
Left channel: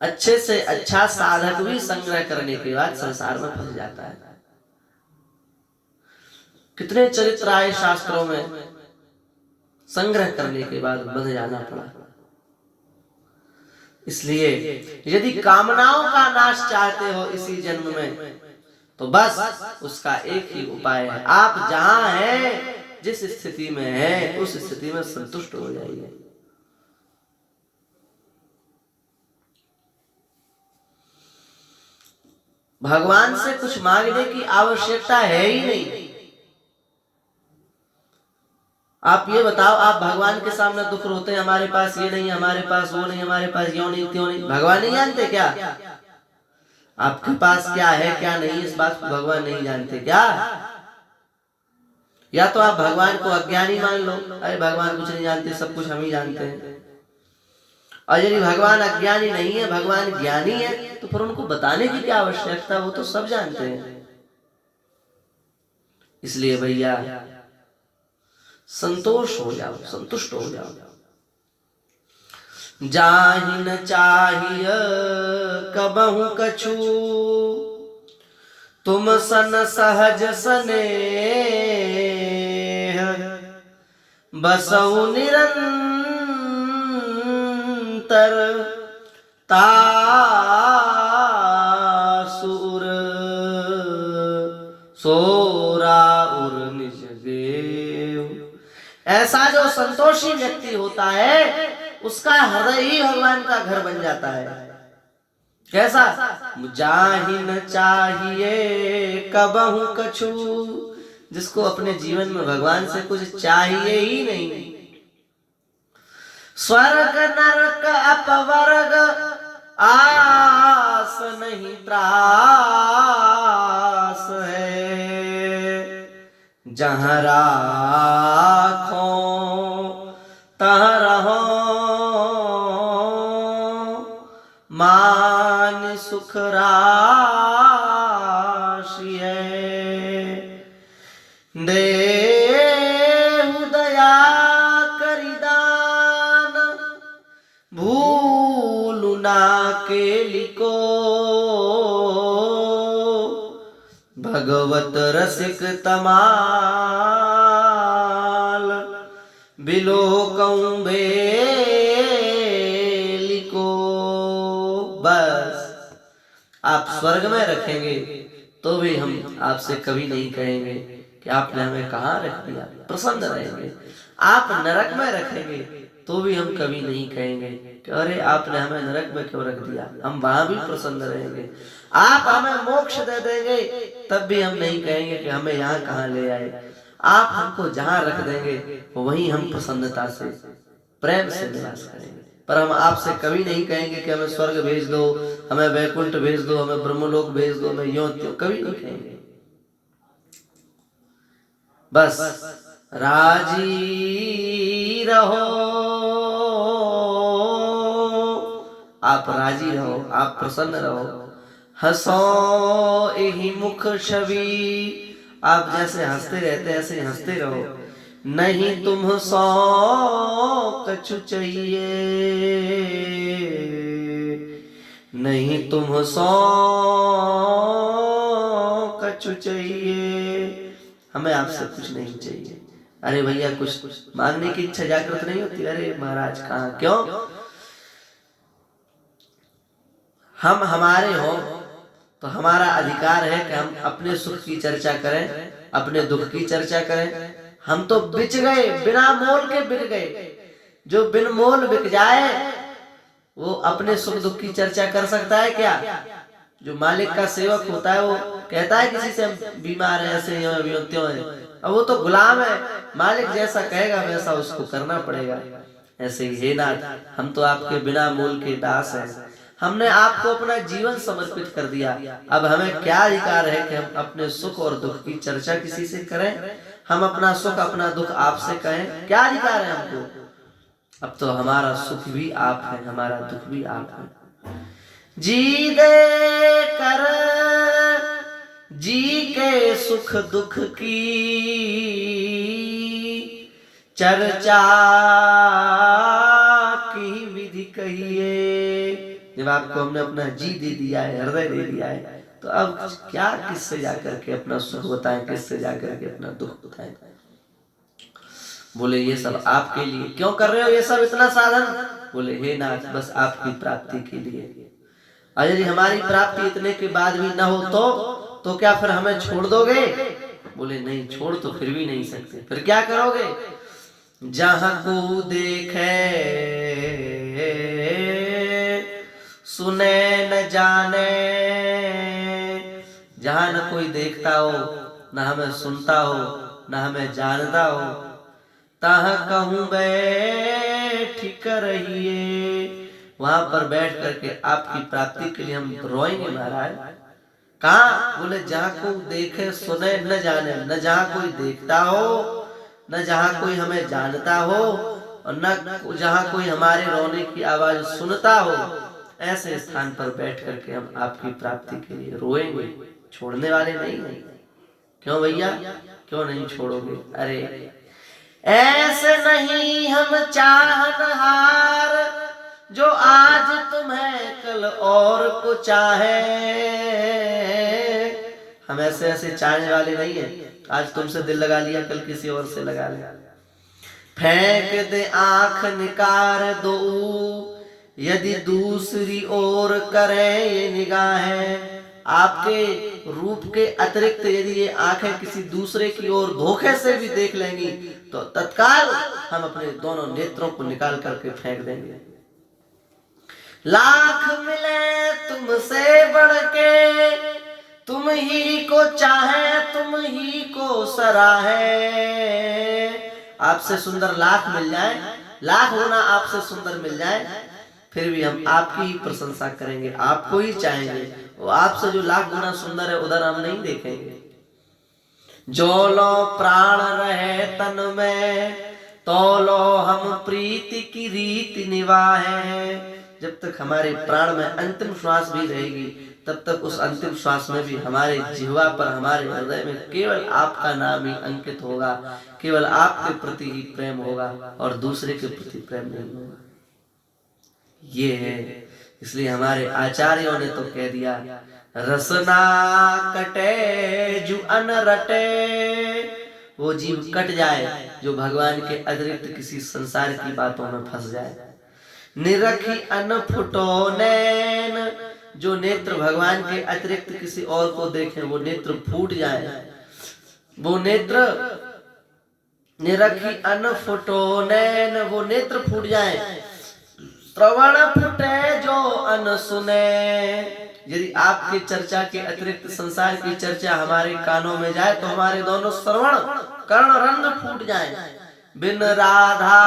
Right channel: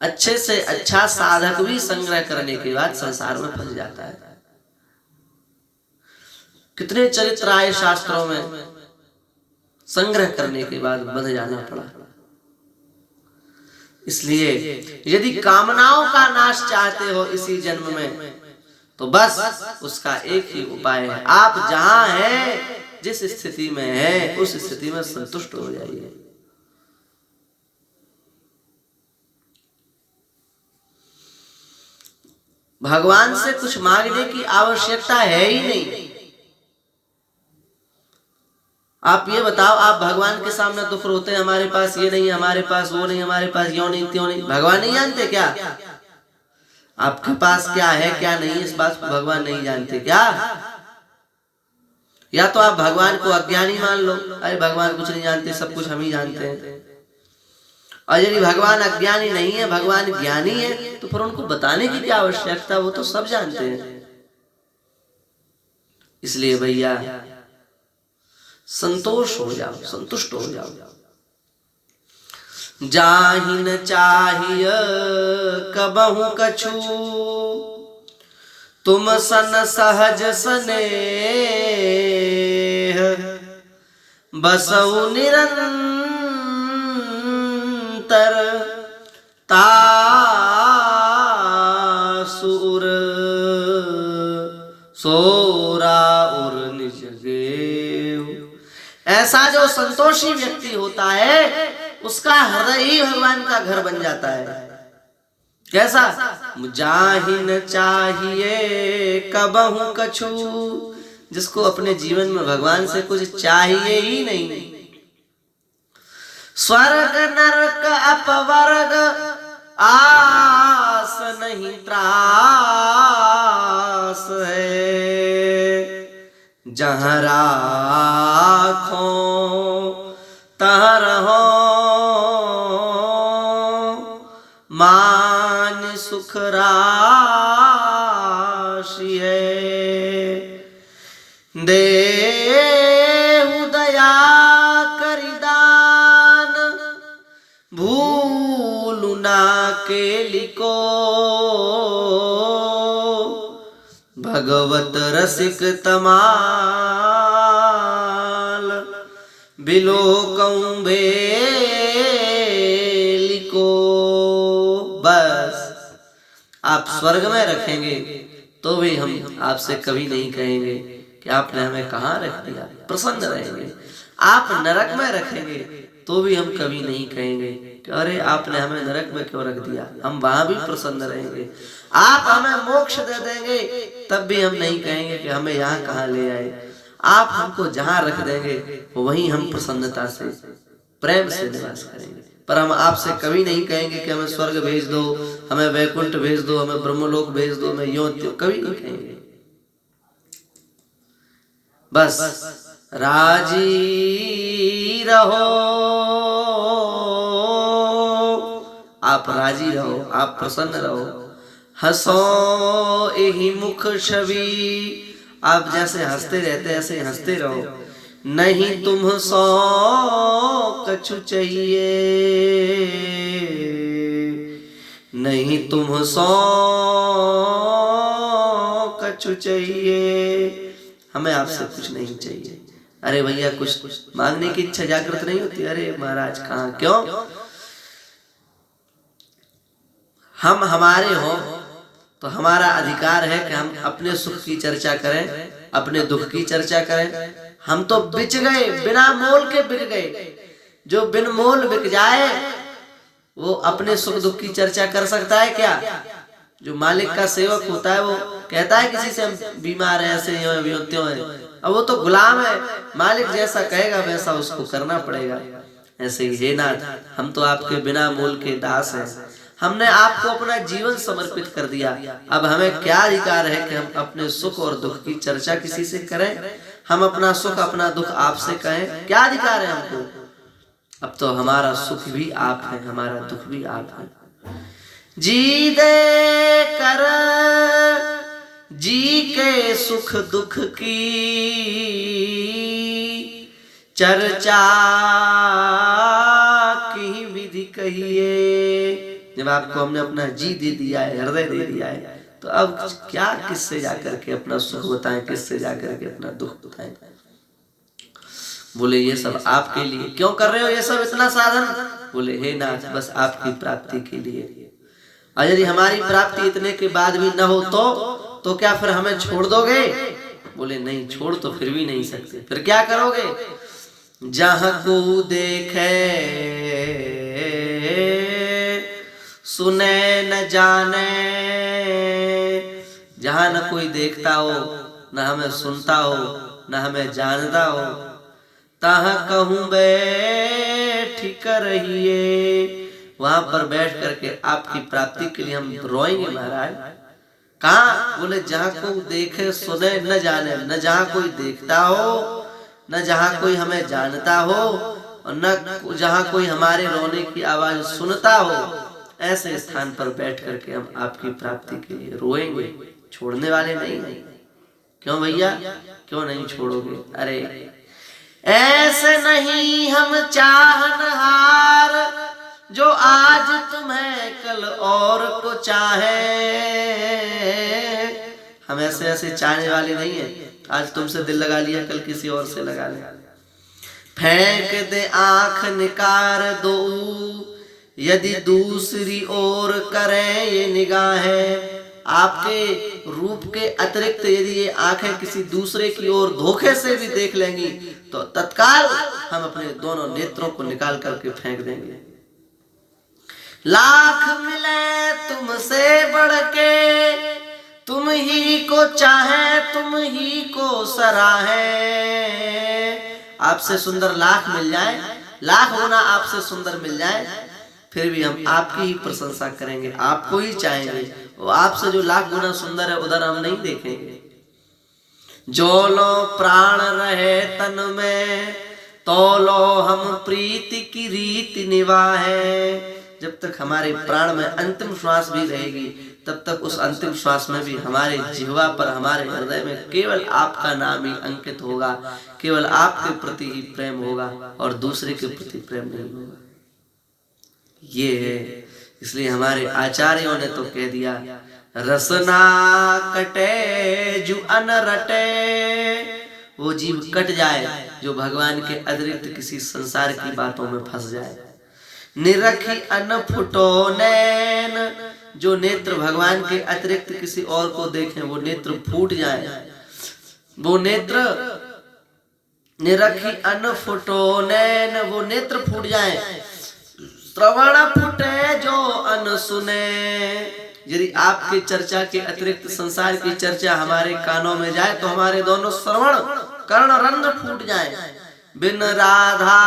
अच्छे से अच्छा साधक भी संग्रह करने के बाद संसार में फंस जाता है। कितने चरित्र आए शास्त्रों में, संग्रह करने के बाद बंध जाना पड़ा। इसलिए यदि कामनाओं का नाश चाहते हो इसी जन्म में, तो बस उसका एक ही उपाय है, आप जहां हैं, जिस स्थिति में है, उस स्थिति में संतुष्ट हो जाइए। भगवान से कुछ मांगने की आवश्यकता है ही नहीं। आप ये बताओ, आप भगवान के सामने दुख रोते हैं, हमारे पास ये नहीं, हमारे पास वो नहीं, हमारे पास यो नहीं त्यों नहीं। भगवान नहीं जानते क्या आपके पास क्या है क्या नहीं? इस बात को भगवान नहीं जानते क्या? या तो आप भगवान को अज्ञानी मान लो, अरे भगवान कुछ नहीं जानते, सब कुछ हम ही जानते हैं। और यदि भगवान अज्ञानी नहीं है, भगवान ज्ञानी है, तो फिर उनको बताने की क्या आवश्यकता, वो तो सब जानते हैं। इसलिए भैया संतोष हो जाओ, संतुष्ट हो जाओ। जाहि न चाहिए कबहु कछु, तुम सन सहज स्नेह, बसउ निरंतर तासुर सोरा उर निज देव। ऐसा जो संतोषी व्यक्ति होता है उसका हृदय ही भगवान का घर बन जाता है। कैसा? जाहि न चाहिए कबहु कछु, जिसको अपने जीवन में भगवान से कुछ चाहिए ही नहीं। स्वर्ग नरक अपवर्ग आस नहीं त्रास है, जहाँ राखो तहाँ रहो, मान सुख राशि है। देहु दया करि दान, भूलु ना केलिको, भगवत रसिक तमाल, बिलोकं बेलिको। बस आप स्वर्ग में रखेंगे तो भी हम आपसे कभी नहीं कहेंगे कि आपने हमें कहाँ रख दिया, प्रसन्न रहेंगे। आप नरक में रखेंगे तो भी हम कभी नहीं कहेंगे कि अरे आपने हमें नरक में क्यों रख दिया, हम वहां भी प्रसन्न रहेंगे। आप हमें मोक्ष दे देंगे तब भी हम नहीं कहेंगे कि हमें यहाँ कहाँ ले आए। आप हमको जहाँ रख देंगे वहीं हम प्रसन्नता से प्रेम से निवास करेंगे। पर हम आपसे कभी नहीं कहेंगे कि हमें स्वर्ग भेज दो, हमें वैकुंठ भेज दो, हमें ब्रह्मलोक भेज दो, हमें यों त्यों, कभी नहीं कहेंगे। बस राजी रहो, आप राजी रहो, आप प्रसन्न रहो। हंसो यही मुख छवि, आप जैसे हंसते रहते हैं ऐसे हंसते रहो। नहीं तुम सो कछु चाहिए, नहीं तुम सो कछु चाहिए, हमें आपसे कुछ नहीं चाहिए। अरे भैया कुछ मांगने की इच्छा जागृत नहीं होती? अरे महाराज कहाँ, क्यों? हम हमारे हो तो हमारा अधिकार है कि हम अपने सुख की चर्चा करें, अपने दुख की चर्चा करें। हम तो बिक गए, बिना मोल के बिक गए। जो बिन मोल बिक जाए वो अपने सुख दुख की चर्चा कर सकता है क्या? जो मालिक का सेवक होता है वो कहता है किसी से हम बीमार है, ऐसे हैं, त्यों हैं। अब वो तो गुलाम है, मालिक जैसा कहेगा वैसा उसको करना पड़ेगा। ऐसे ही हे नाथ, हम तो आपके बिना मोल के दास हैं। हमने आपको अपना जीवन समर्पित कर दिया, अब हमें क्या अधिकार है कि हम अपने सुख और दुख की चर्चा किसी से करें? हम अपना सुख अपना दुख आपसे कहें, क्या अधिकार है हमको? अब तो हमारा सुख भी आप है, हमारा दुख भी आप है। जी दे कर जी के सुख दुख की चर्चा की विधि कहिए। जब आपको हमने अपना जी दे दिया है, हृदय दे दिया है, तो अब क्या किससे जाकर के अपना सुख बताएं, किससे जाकर के अपना दुख बताएं? बोले ये सब आपके लिए। क्यों कर रहे हो ये सब इतना साधन? बोले हे नाथ बस आपकी प्राप्ति के लिए। और यदि हमारी प्राप्ति इतने के बाद भी न हो तो क्या फिर हमें छोड़ दोगे? बोले नहीं, छोड़ तो फिर भी नहीं सकते। फिर क्या करोगे? जहां को देखे सुने न जाने, जहां न कोई देखता हो, न हमें सुनता हो, न हमें जानता हो, तहाँ कहूं बैठ कर रहिए, वहां पर बैठ करके आपकी प्राप्ति के लिए हम रोएंगे महाराज। कहाँ? बोले जहां कोई देखे सुने न जाने, न जहां कोई देखता हो, न जहां कोई हमें जानता हो, और न जहां कोई हमारे रोने की आवाज सुनता हो, ऐसे स्थान पर बैठ करके हम आपकी प्राप्ति के लिए रोएंगे, छोड़ने वाले नहीं है। क्यों भैया, क्यों नहीं छोड़ोगे? अरे ऐसे नहीं हम चाहनहार, जो आज तुम्हें कल और को चाहे। हम ऐसे ऐसे चाहने वाले नहीं है, आज तुमसे दिल लगा लिया, कल किसी और से लगा लिया। फेंक दे आंख निकार दो, यदि दूसरी ओर करें ये निगाहें। आपके रूप के अतिरिक्त यदि ये आंखें किसी दूसरे की ओर धोखे से भी देख लेंगी तो तत्काल हम अपने दोनों नेत्रों को निकाल करके फेंक देंगे। लाख मिले तुमसे बढ़ के, तुम ही को चाहे, तुम ही को सराहे। आपसे सुंदर लाख मिल जाए, लाख गुना आपसे सुंदर मिल जाए, फिर भी हम आपकी ही प्रशंसा करेंगे, आपको ही चाहेंगे। वो आपसे जो लाख गुना सुंदर है उधर हम नहीं देखेंगे। जो लो प्राण रहे तन में, तो लो हम प्रीति की रीति निभाए। जब तक हमारे प्राण में अंतिम श्वास भी रहेगी, तब तक उस अंतिम श्वास में भी हमारे जिह्वा पर, हमारे हृदय में केवल आपका नाम ही अंकित होगा, केवल आपके प्रति ही प्रेम होगा और दूसरे के प्रति प्रेम नहीं होगा। ये है, इसलिए हमारे आचार्यों ने तो कह दिया, रसना कटे जो अन रटे। वो जीव कट जाए जो भगवान के अतिरिक्त किसी संसार की बातों में फंस जाए। निरखी अन फुटो नैन, जो नेत्र भगवान के अतिरिक्त किसी और को देखें वो नेत्र फूट जाए। वो नेत्र निरखी अन फुटो नैन, वो नेत्र फूट जाए। श्रवण फुटे जो अन सुने, यदि आपकी चर्चा के अतिरिक्त संसार की चर्चा हमारे कानों में जाए तो हमारे दोनों श्रवण कर्ण रंध्र फूट जाए। बिन राधा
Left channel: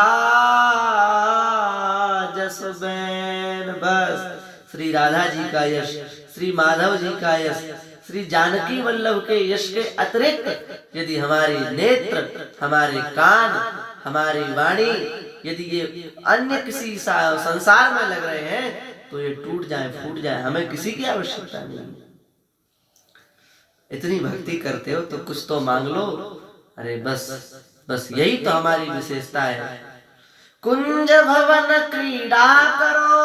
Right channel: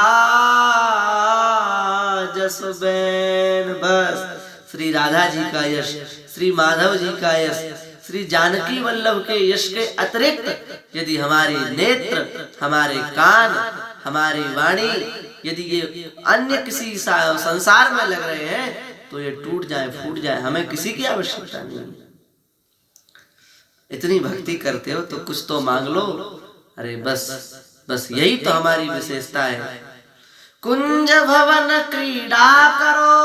जस बैन, बस श्री राधा जी का यश, श्री माधव जी का यश, श्री जानकी वल्लभ के यश के अतिरिक्त यदि हमारे नेत्र, हमारे कान, हमारी वाणी यदि ये अन्य किसी संसार में लग रहे हैं तो ये टूट जाए, फूट जाए, हमें किसी की आवश्यकता नहीं। इतनी भक्ति करते हो तो कुछ तो मांग लो। अरे बस यही तो हमारी विशेषता है। कुंज भवन क्रीड़ा करो,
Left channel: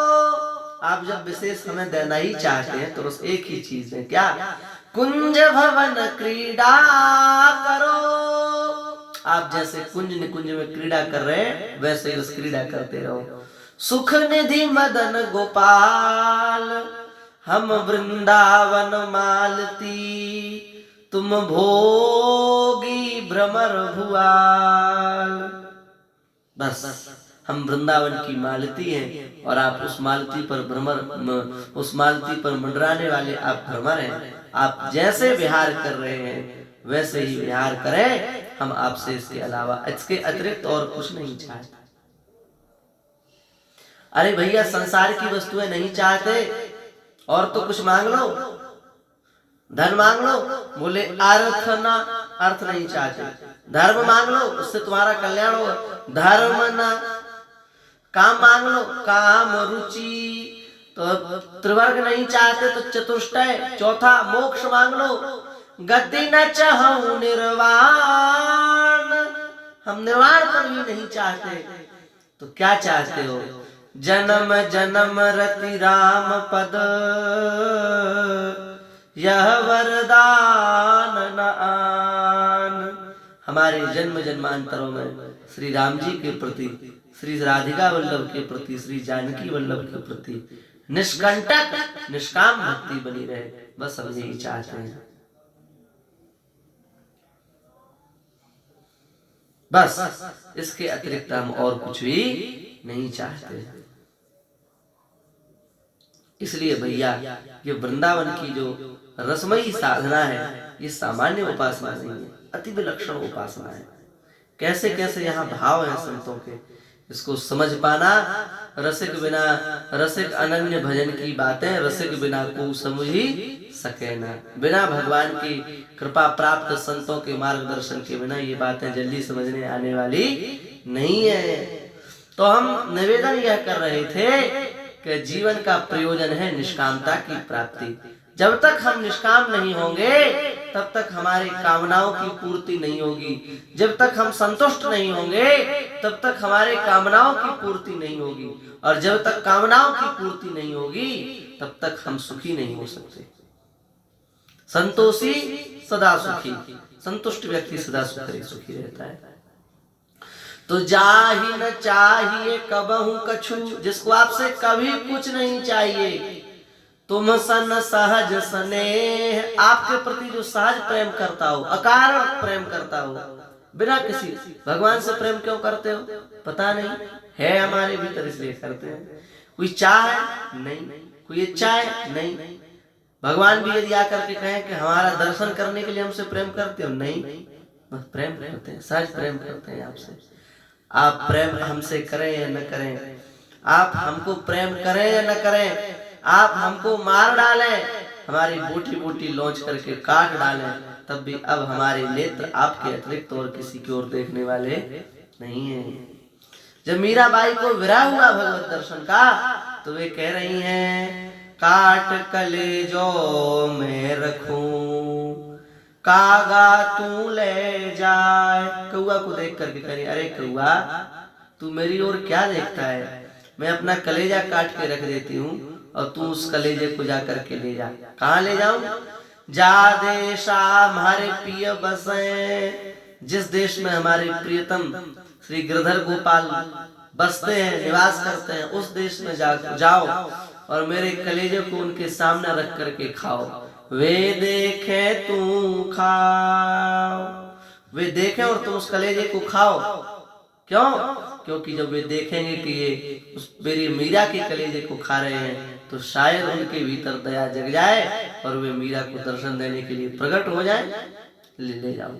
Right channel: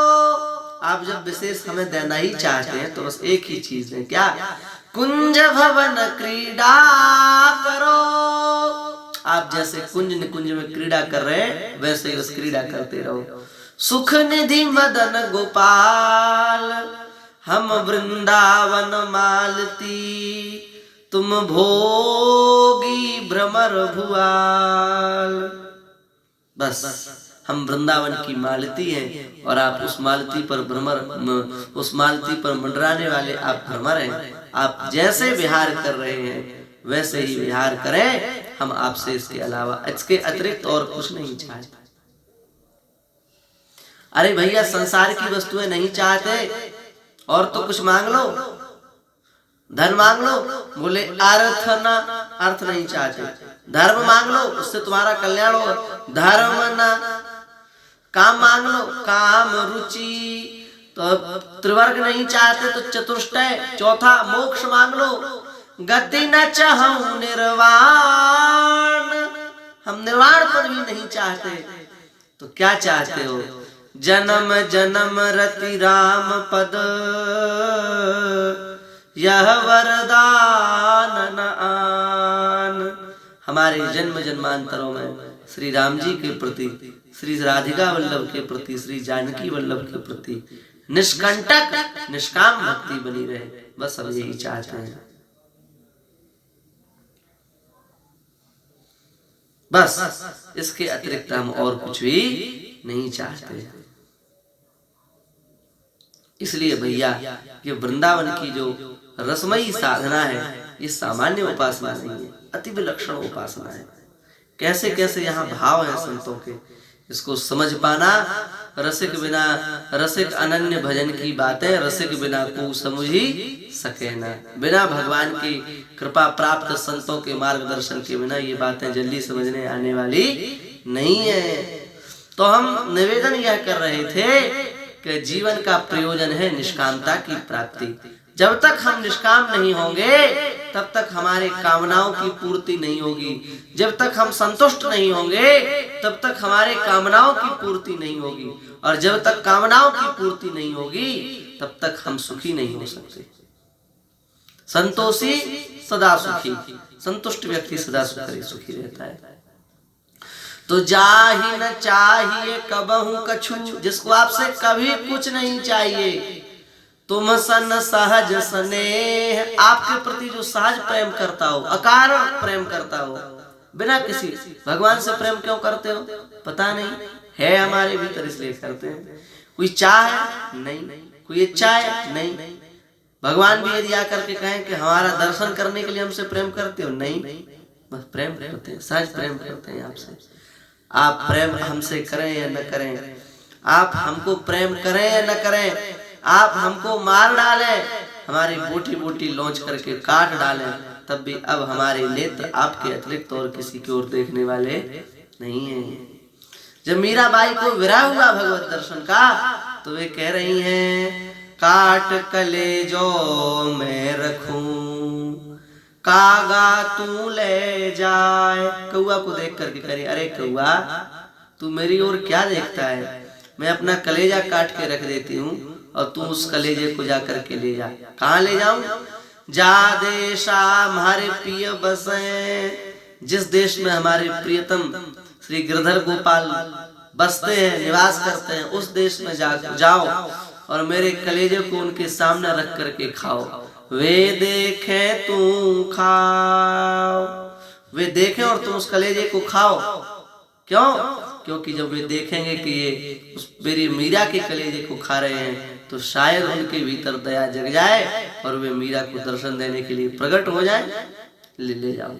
आप जब विशेष हमें देना ही चाहते हैं तो बस एक ही चीज है, क्या? कुंज भवन क्रीड़ा करो। आप जैसे कुंज निकुंज में क्रीड़ा कर रहे हैं वैसे ही बस क्रीड़ा करते रहो। सुख निधि मदन गोपाल, हम वृंदावन मालती, तुम भोगी भ्रमर भुआल। बस हम वृंदावन की मालती हैं और आप उस मालती पर भ्रमर, उस मालती पर मंडराने वाले आप भ्रमर हैं। आप जैसे विहार कर रहे हैं वैसे ही विहार करें, हम आपसे इसके अलावा, इसके अतिरिक्त और कुछ नहीं चाहते। अरे भैया, संसार की वस्तुएं नहीं चाहते और तो कुछ मांग लो, धन मांग लो। बोले अर्थ ना, अर्थ नहीं चाहते। धर्म मांग लो, उससे तुम्हारा कल्याण हो। धर्म ना। काम मांग लो, काम रुचि। तो त्रिवर्ग नहीं चाहते तो चतुष्टय, चौथा मोक्ष मांग लो। गति न चाहूं निर्वाण, हम निर्वाण पर भी नहीं चाहते। तो क्या चाहते हो? जन्म जन्म रति राम पद, यह वरदान न आन। हमारे जन्म जन्मांतरों में श्री राम जी के प्रति, श्री राधिका वल्लभ के प्रति, श्री जानकी वल्लभ के प्रति निष्कंटक निष्काम भक्ति बनी रहे, बस हम यही चाहते हैं। बस इसके अतिरिक्त हम और कुछ भी नहीं चाहते। इसलिए भैया, ये वृंदावन की जो रसमयी साधना है, ये सामान्य उपासना नहीं है, अति विलक्षण उपासना है। कैसे कैसे यहाँ भाव है संतों के, इसको समझ पाना। रसिक बिना, रसिक अनन्य भजन की बातें रसिक बिना को समझ ही सके ना। बिना भगवान की कृपा प्राप्त संतों के मार्गदर्शन के बिना ये बातें जल्दी समझने आने वाली नहीं है। तो हम निवेदन यह कर रहे थे कि जीवन का प्रयोजन है निष्कामता की प्राप्ति। जब तक हम निष्काम नहीं होंगे तब तक हमारे कामनाओं की पूर्ति नहीं होगी। जब तक हम संतुष्ट नहीं होंगे तब तक हमारे कामनाओं की पूर्ति नहीं होगी। और जब तक कामनाओं की पूर्ति नहीं होगी तब तक हम सुखी नहीं हो सकते। संतोषी सदा सुखी, संतुष्ट व्यक्ति सदा सुखी रहता है। तो जाहि न चाहिए कबहू कछु, जिसको आपसे कभी कुछ नहीं चाहिए। तुम सन सहज स्नेह, आपके प्रति जो सहज प्रेम करता हो, अकारण प्रेम करता हो, बिना किसी। भगवान से प्रेम क्यों करते हो? पता नहीं, है हमारे भीतर इसलिए करते हैं। कोई चाह है? नहीं। कोई इच्छा है? नहीं। भगवान भी यदि आकर के कहें कि हमारा दर्शन करने के लिए हमसे प्रेम करते हो? नहीं, बस प्रेम करते हैं, सहज प्रेम करते हैं आपसे। आप प्रेम हमसे करें या न करें, आप हमको प्रेम करें या न करें, आप हमको मार डालें, हमारी बोटी बोटी लॉन्च करके काट डालें, तब भी अब हमारे नेत्र आपके अतिरिक्त और किसी की ओर देखने वाले नहीं हैं। जब मीराबाई को विरह हुआ भगवत दर्शन का तो वे कह रही हैं, काट कलेजो मैं रखूं, कागा तू ले जाए। कौआ को देख करके करे, अरे कौआ तू मेरी ओर क्या देखता है? मैं अपना कलेजा काट के रख देती हूँ और तू उस कलेजे को जा करके ले जा। कहाँ ले जाऊं? जा देशा हमारे प्रिय बसे, जिस देश में हमारे प्रियतम श्री गिरधर गोपाल बसते हैं, निवास करते हैं, उस देश में जाओ और मेरे कलेजे को उनके सामने रख करके खाओ। वे देखे तू खाओ, वे देखें और तुम उस कलेजे को खाओ। क्यों? क्योंकि जब वे देखेंगे कि ये उस मेरी मीरा के कलेजे को खा रहे हैं तो शायद उनके भीतर दया जग जाए और वे मीरा को दर्शन देने के लिए प्रकट हो जाए। ले जाओ।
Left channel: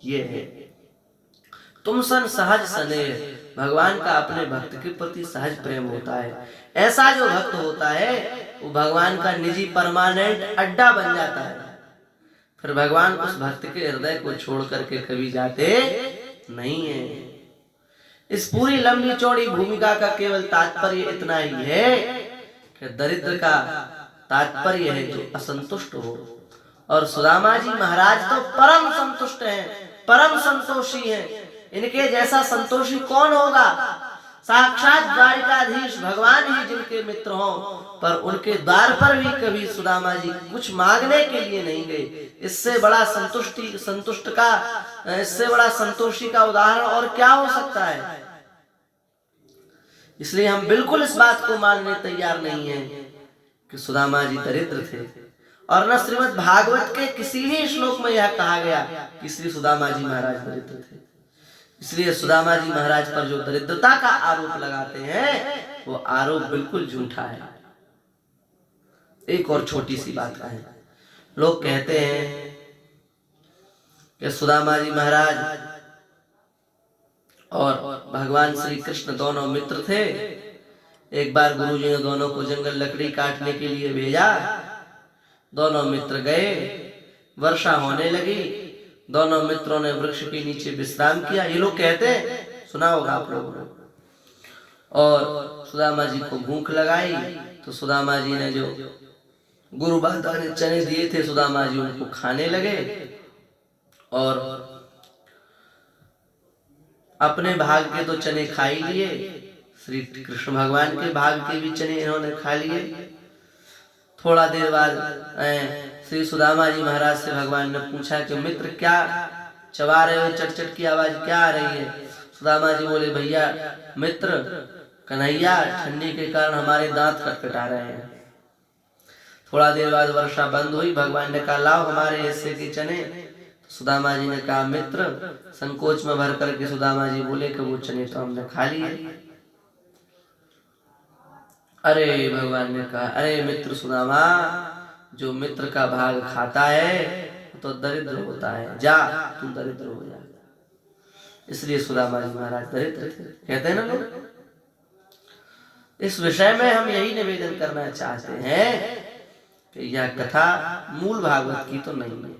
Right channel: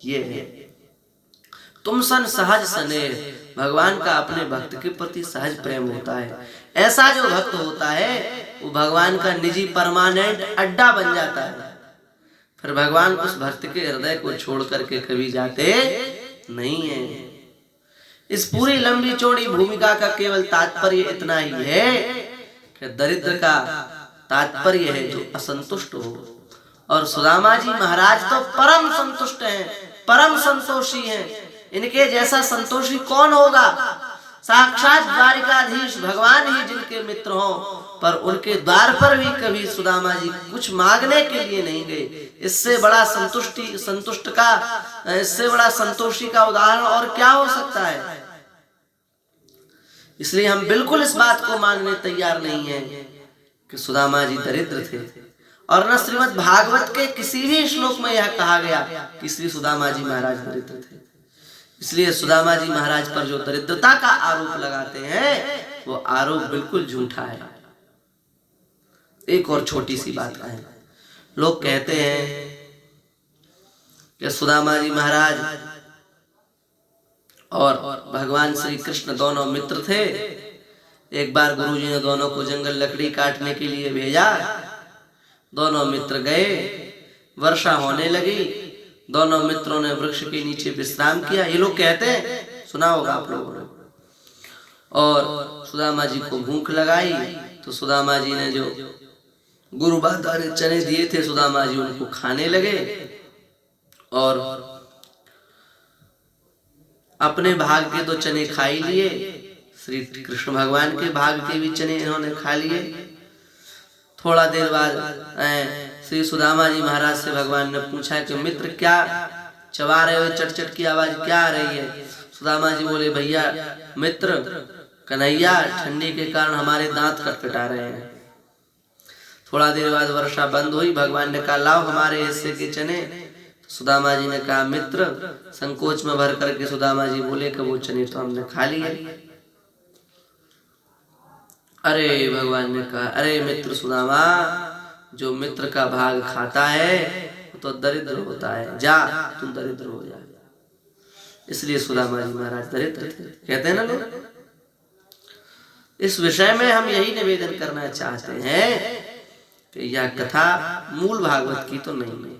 ये है तुम सन सहज स्नेह। भगवान का अपने भक्त के प्रति सहज प्रेम होता है। ऐसा जो भक्त होता है वो भगवान का निजी परमानेंट अड्डा बन जाता है। फिर भगवान उस भक्त के हृदय को छोड़ करके कभी जाते नहीं है। इस पूरी लंबी चौड़ी भूमिका का केवल तात्पर्य इतना ही है कि दरिद्र का तात्पर्य है जो असंतुष्ट हो। और सुदामा जी महाराज तो परम संतुष्ट हैं, परम संतोषी हैं। इनके जैसा संतोषी कौन होगा? साक्षात द्वारिकाधीश भगवान ही जिनके मित्र हों, पर उनके द्वार पर भी कभी सुदामा जी कुछ मांगने के लिए नहीं गए। इससे बड़ा इससे बड़ा संतोषी का उदाहरण और क्या हो सकता है। इसलिए हम बिल्कुल इस बात को मानने तैयार नहीं है कि सुदामा जी दरिद्र थे, और न श्रीमद् भागवत के किसी भी श्लोक में यह कहा गया कि श्री सुदामा जी महाराज दरिद्र थे। इसलिए सुदामा जी महाराज पर जो दरिद्रता का आरोप लगाते हैं वो आरोप बिल्कुल झूठा है। एक और छोटी सी बात है, लोग कहते हैं कि सुदामा जी महाराज और भगवान श्री कृष्ण दोनों मित्र थे। एक बार गुरुजी ने दोनों को जंगल लकड़ी काटने के लिए भेजा, दोनों मित्र गए, वर्षा होने लगी, दोनों मित्रों ने वृक्ष के नीचे विश्राम किया। ये लोग कहते हैं, सुना होगा आप लोगों ने। और सुदामा जी को भूख लगाई तो सुदामा जी ने जो गुरु माता ने चने दिए थे, सुदामा जी उनको खाने लगे और अपने भाग के तो चने खा ही लिए, श्री कृष्ण भगवान के भाग के भी चने इन्होंने खा लिए। थोड़ा देर बाद श्री सुदामा जी महाराज से भगवान ने पूछा कि मित्र क्या चबा रहे हो, चटचट की आवाज क्या आ रही है। सुदामा जी बोले, भैया मित्र कन्हैया ठंडी के कारण हमारे दांत कटकटा रहे हैं। थोड़ा देर बाद वर्षा बंद हुई, भगवान ने कहा लाओ हमारे हिस्से के चने। सुदामा जी ने कहा मित्र, संकोच में भर करके सुदामा जी बोले कि वो चने तो हमने खा लिए। अरे भगवान ने कहा, अरे मित्र सुदामा, जो मित्र का भाग खाता है वो तो दरिद्र होता है, जा तुम दरिद्र हो जा। इसलिए सुदामा जी महाराज दरिद्र थे, कहते हैं ना लोग। इस विषय में हम यही निवेदन करना चाहते हैं कि यह कथा मूल भागवत की तो नहीं है,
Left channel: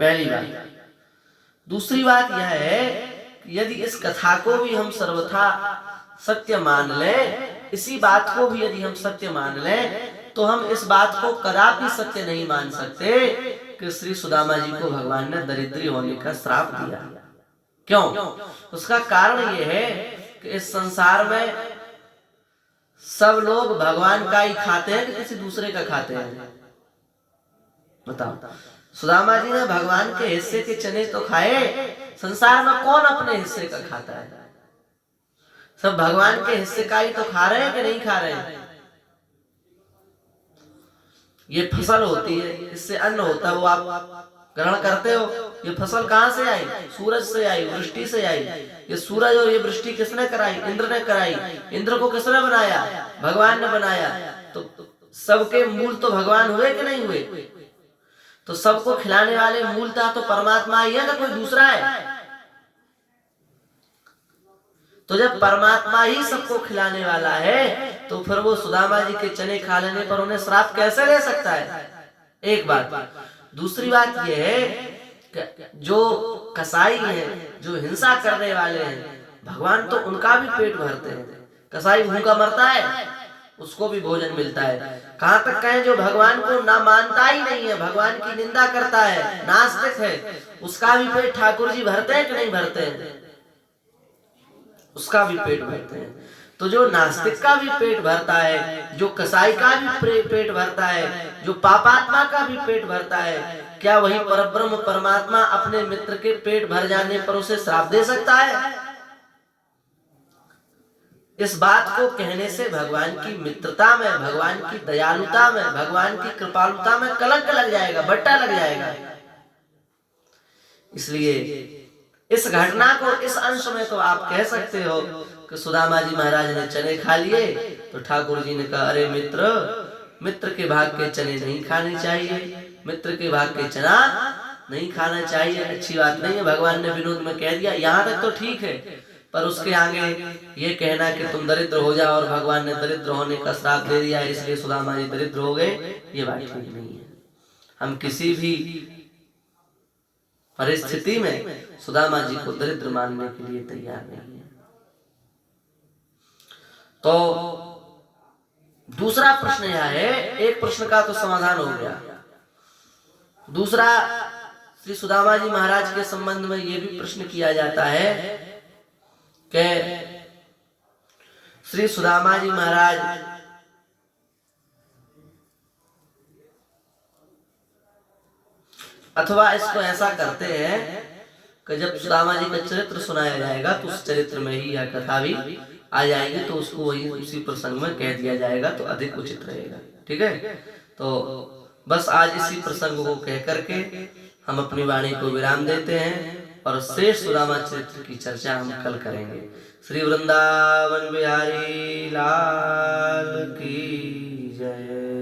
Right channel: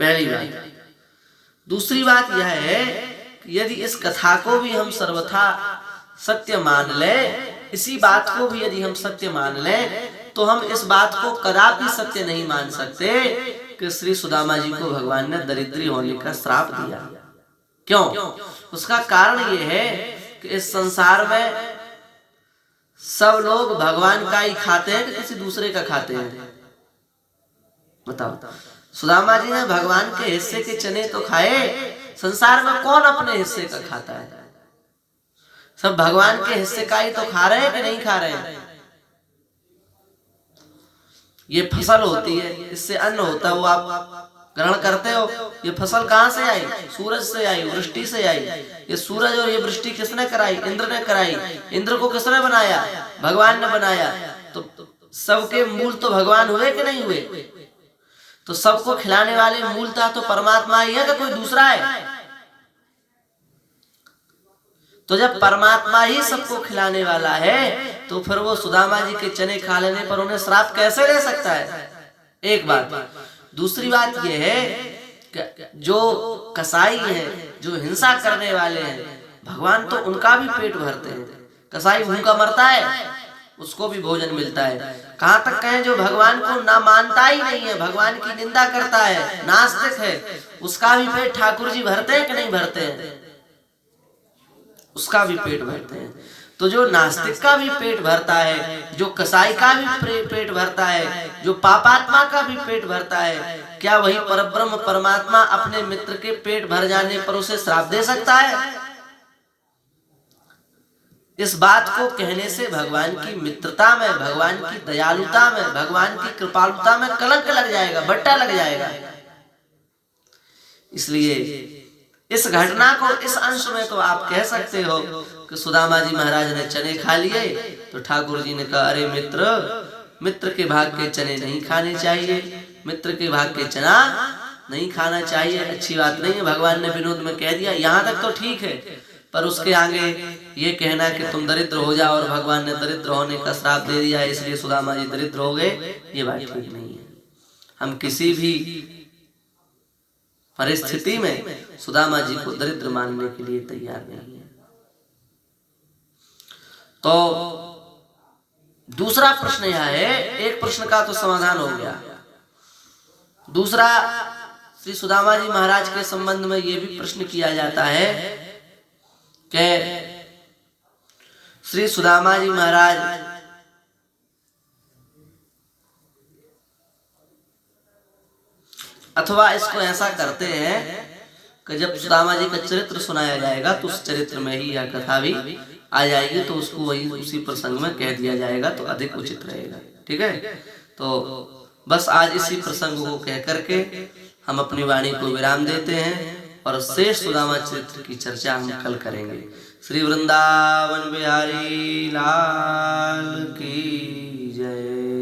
पहली बात। दूसरी बात यह है कि यदि इस कथा को भी हम सर्वथा सत्य मान लें, इसी बात को भी यदि हम सत्य मान लें, तो हम इस बात को कदापि सत्य नहीं मान सकते कि श्री सुदामा जी को भगवान ने दरिद्री होने का श्राप दिया। क्यों? उसका कारण यह है कि इस संसार में सब लोग भगवान का ही खाते हैं कि किसी दूसरे का खाते हैं, बताओ। सुदामा जी ने भगवान के हिस्से के चने तो खाए, संसार में कौन अपने हिस्से का खाता है? सब भगवान के हिस्से का ही तो खा रहे हैं कि नहीं खा रहे हैं। ये फसल होती है, इससे अन्न होता है, वो आप ग्रहण करते हो। ये फसल कहां से आई? सूरज से आई, वृष्टि से आई। ये सूरज और ये वृष्टि किसने कराई? इंद्र ने कराई। इंद्र को किसने बनाया? भगवान ने बनाया। तो सबके मूल तो भगवान हुए कि नहीं हुए? तो सबको खिलाने वाले मूलतः तो परमात्मा ही है कि कोई दूसरा है? तो जब परमात्मा ही सबको खिलाने वाला है तो फिर वो सुदामा जी के चने खा लेने पर उन्हें श्राप कैसे ले सकता है? एक बात। दूसरी बात यह है कि जो कसाई है, जो हिंसा करने वाले हैं, भगवान तो उनका भी पेट भरते हैं। कसाई भूखा मरता है, उसको भी भोजन मिलता है। कहां तक कहें जो भगवान को ना मानता ही नहीं है, भगवान की निंदा करता है, नास्तिक है, उसका भी पेट ठाकुर जी भरते हैं कि नहीं भरते हैं? उसका भी पेट भरते हैं। तो जो नास्तिक का भी पेट भरता है, जो कसाई का भी पेट भरता है, जो पापात्मा का भी पेट भरता है, क्या वही परब्रह्म परमात्मा अपने मित्र के पेट भर जाने पर उसे श्राप दे सकता है? इस बात को कहने से भगवान की मित्रता में, भगवान की दयालुता में, भगवान की कृपालुता में कलंक लग जाएगा, बट्टा लग जाएगा। इसलिए इस घटना को इस अंश में तो आप कह सकते हो कि सुदामा जी महाराज ने चने खा लिए तो ठाकुर जी ने कहा, अरे मित्र के भाग के चने नहीं खाने चाहिए, मित्र के भाग के चना नहीं खाना चाहिए, अच्छी बात नहीं है। भगवान ने विनोद में कह दिया, यहाँ तक तो ठीक है, पर उसके आगे ये कहना कि तुम दरिद्र हो जाओ और भगवान ने दरिद्र होने का श्राप दे दिया इसलिए सुदामा जी दरिद्र हो गए, ये बात ठीक नहीं है। हम किसी भी परिस्थिति में सुदामा जी को दरिद्र मानने के लिए तैयार नहीं है। तो दूसरा प्रश्न यह है, एक प्रश्न का तो समाधान हो गया। दूसरा, श्री सुदामा जी महाराज के संबंध में यह भी प्रश्न किया जाता है कि श्री सुदामा जी महाराज अथवा इसको ऐसा करते हैं कि जब सुदामा जी का चरित्र सुनाया जाएगा तो उस चरित्र में ही यह कथा भी आ जाएगी, तो उसको वही उसी प्रसंग में कह दिया जाएगा तो अधिक उचित रहेगा। ठीक है, तो बस आज इसी प्रसंग को कह करके हम अपनी वाणी को विराम देते हैं और शेष सुदामा चरित्र की चर्चा हम कल करेंगे। श्री वृंदावन बिहारी लाल की जय।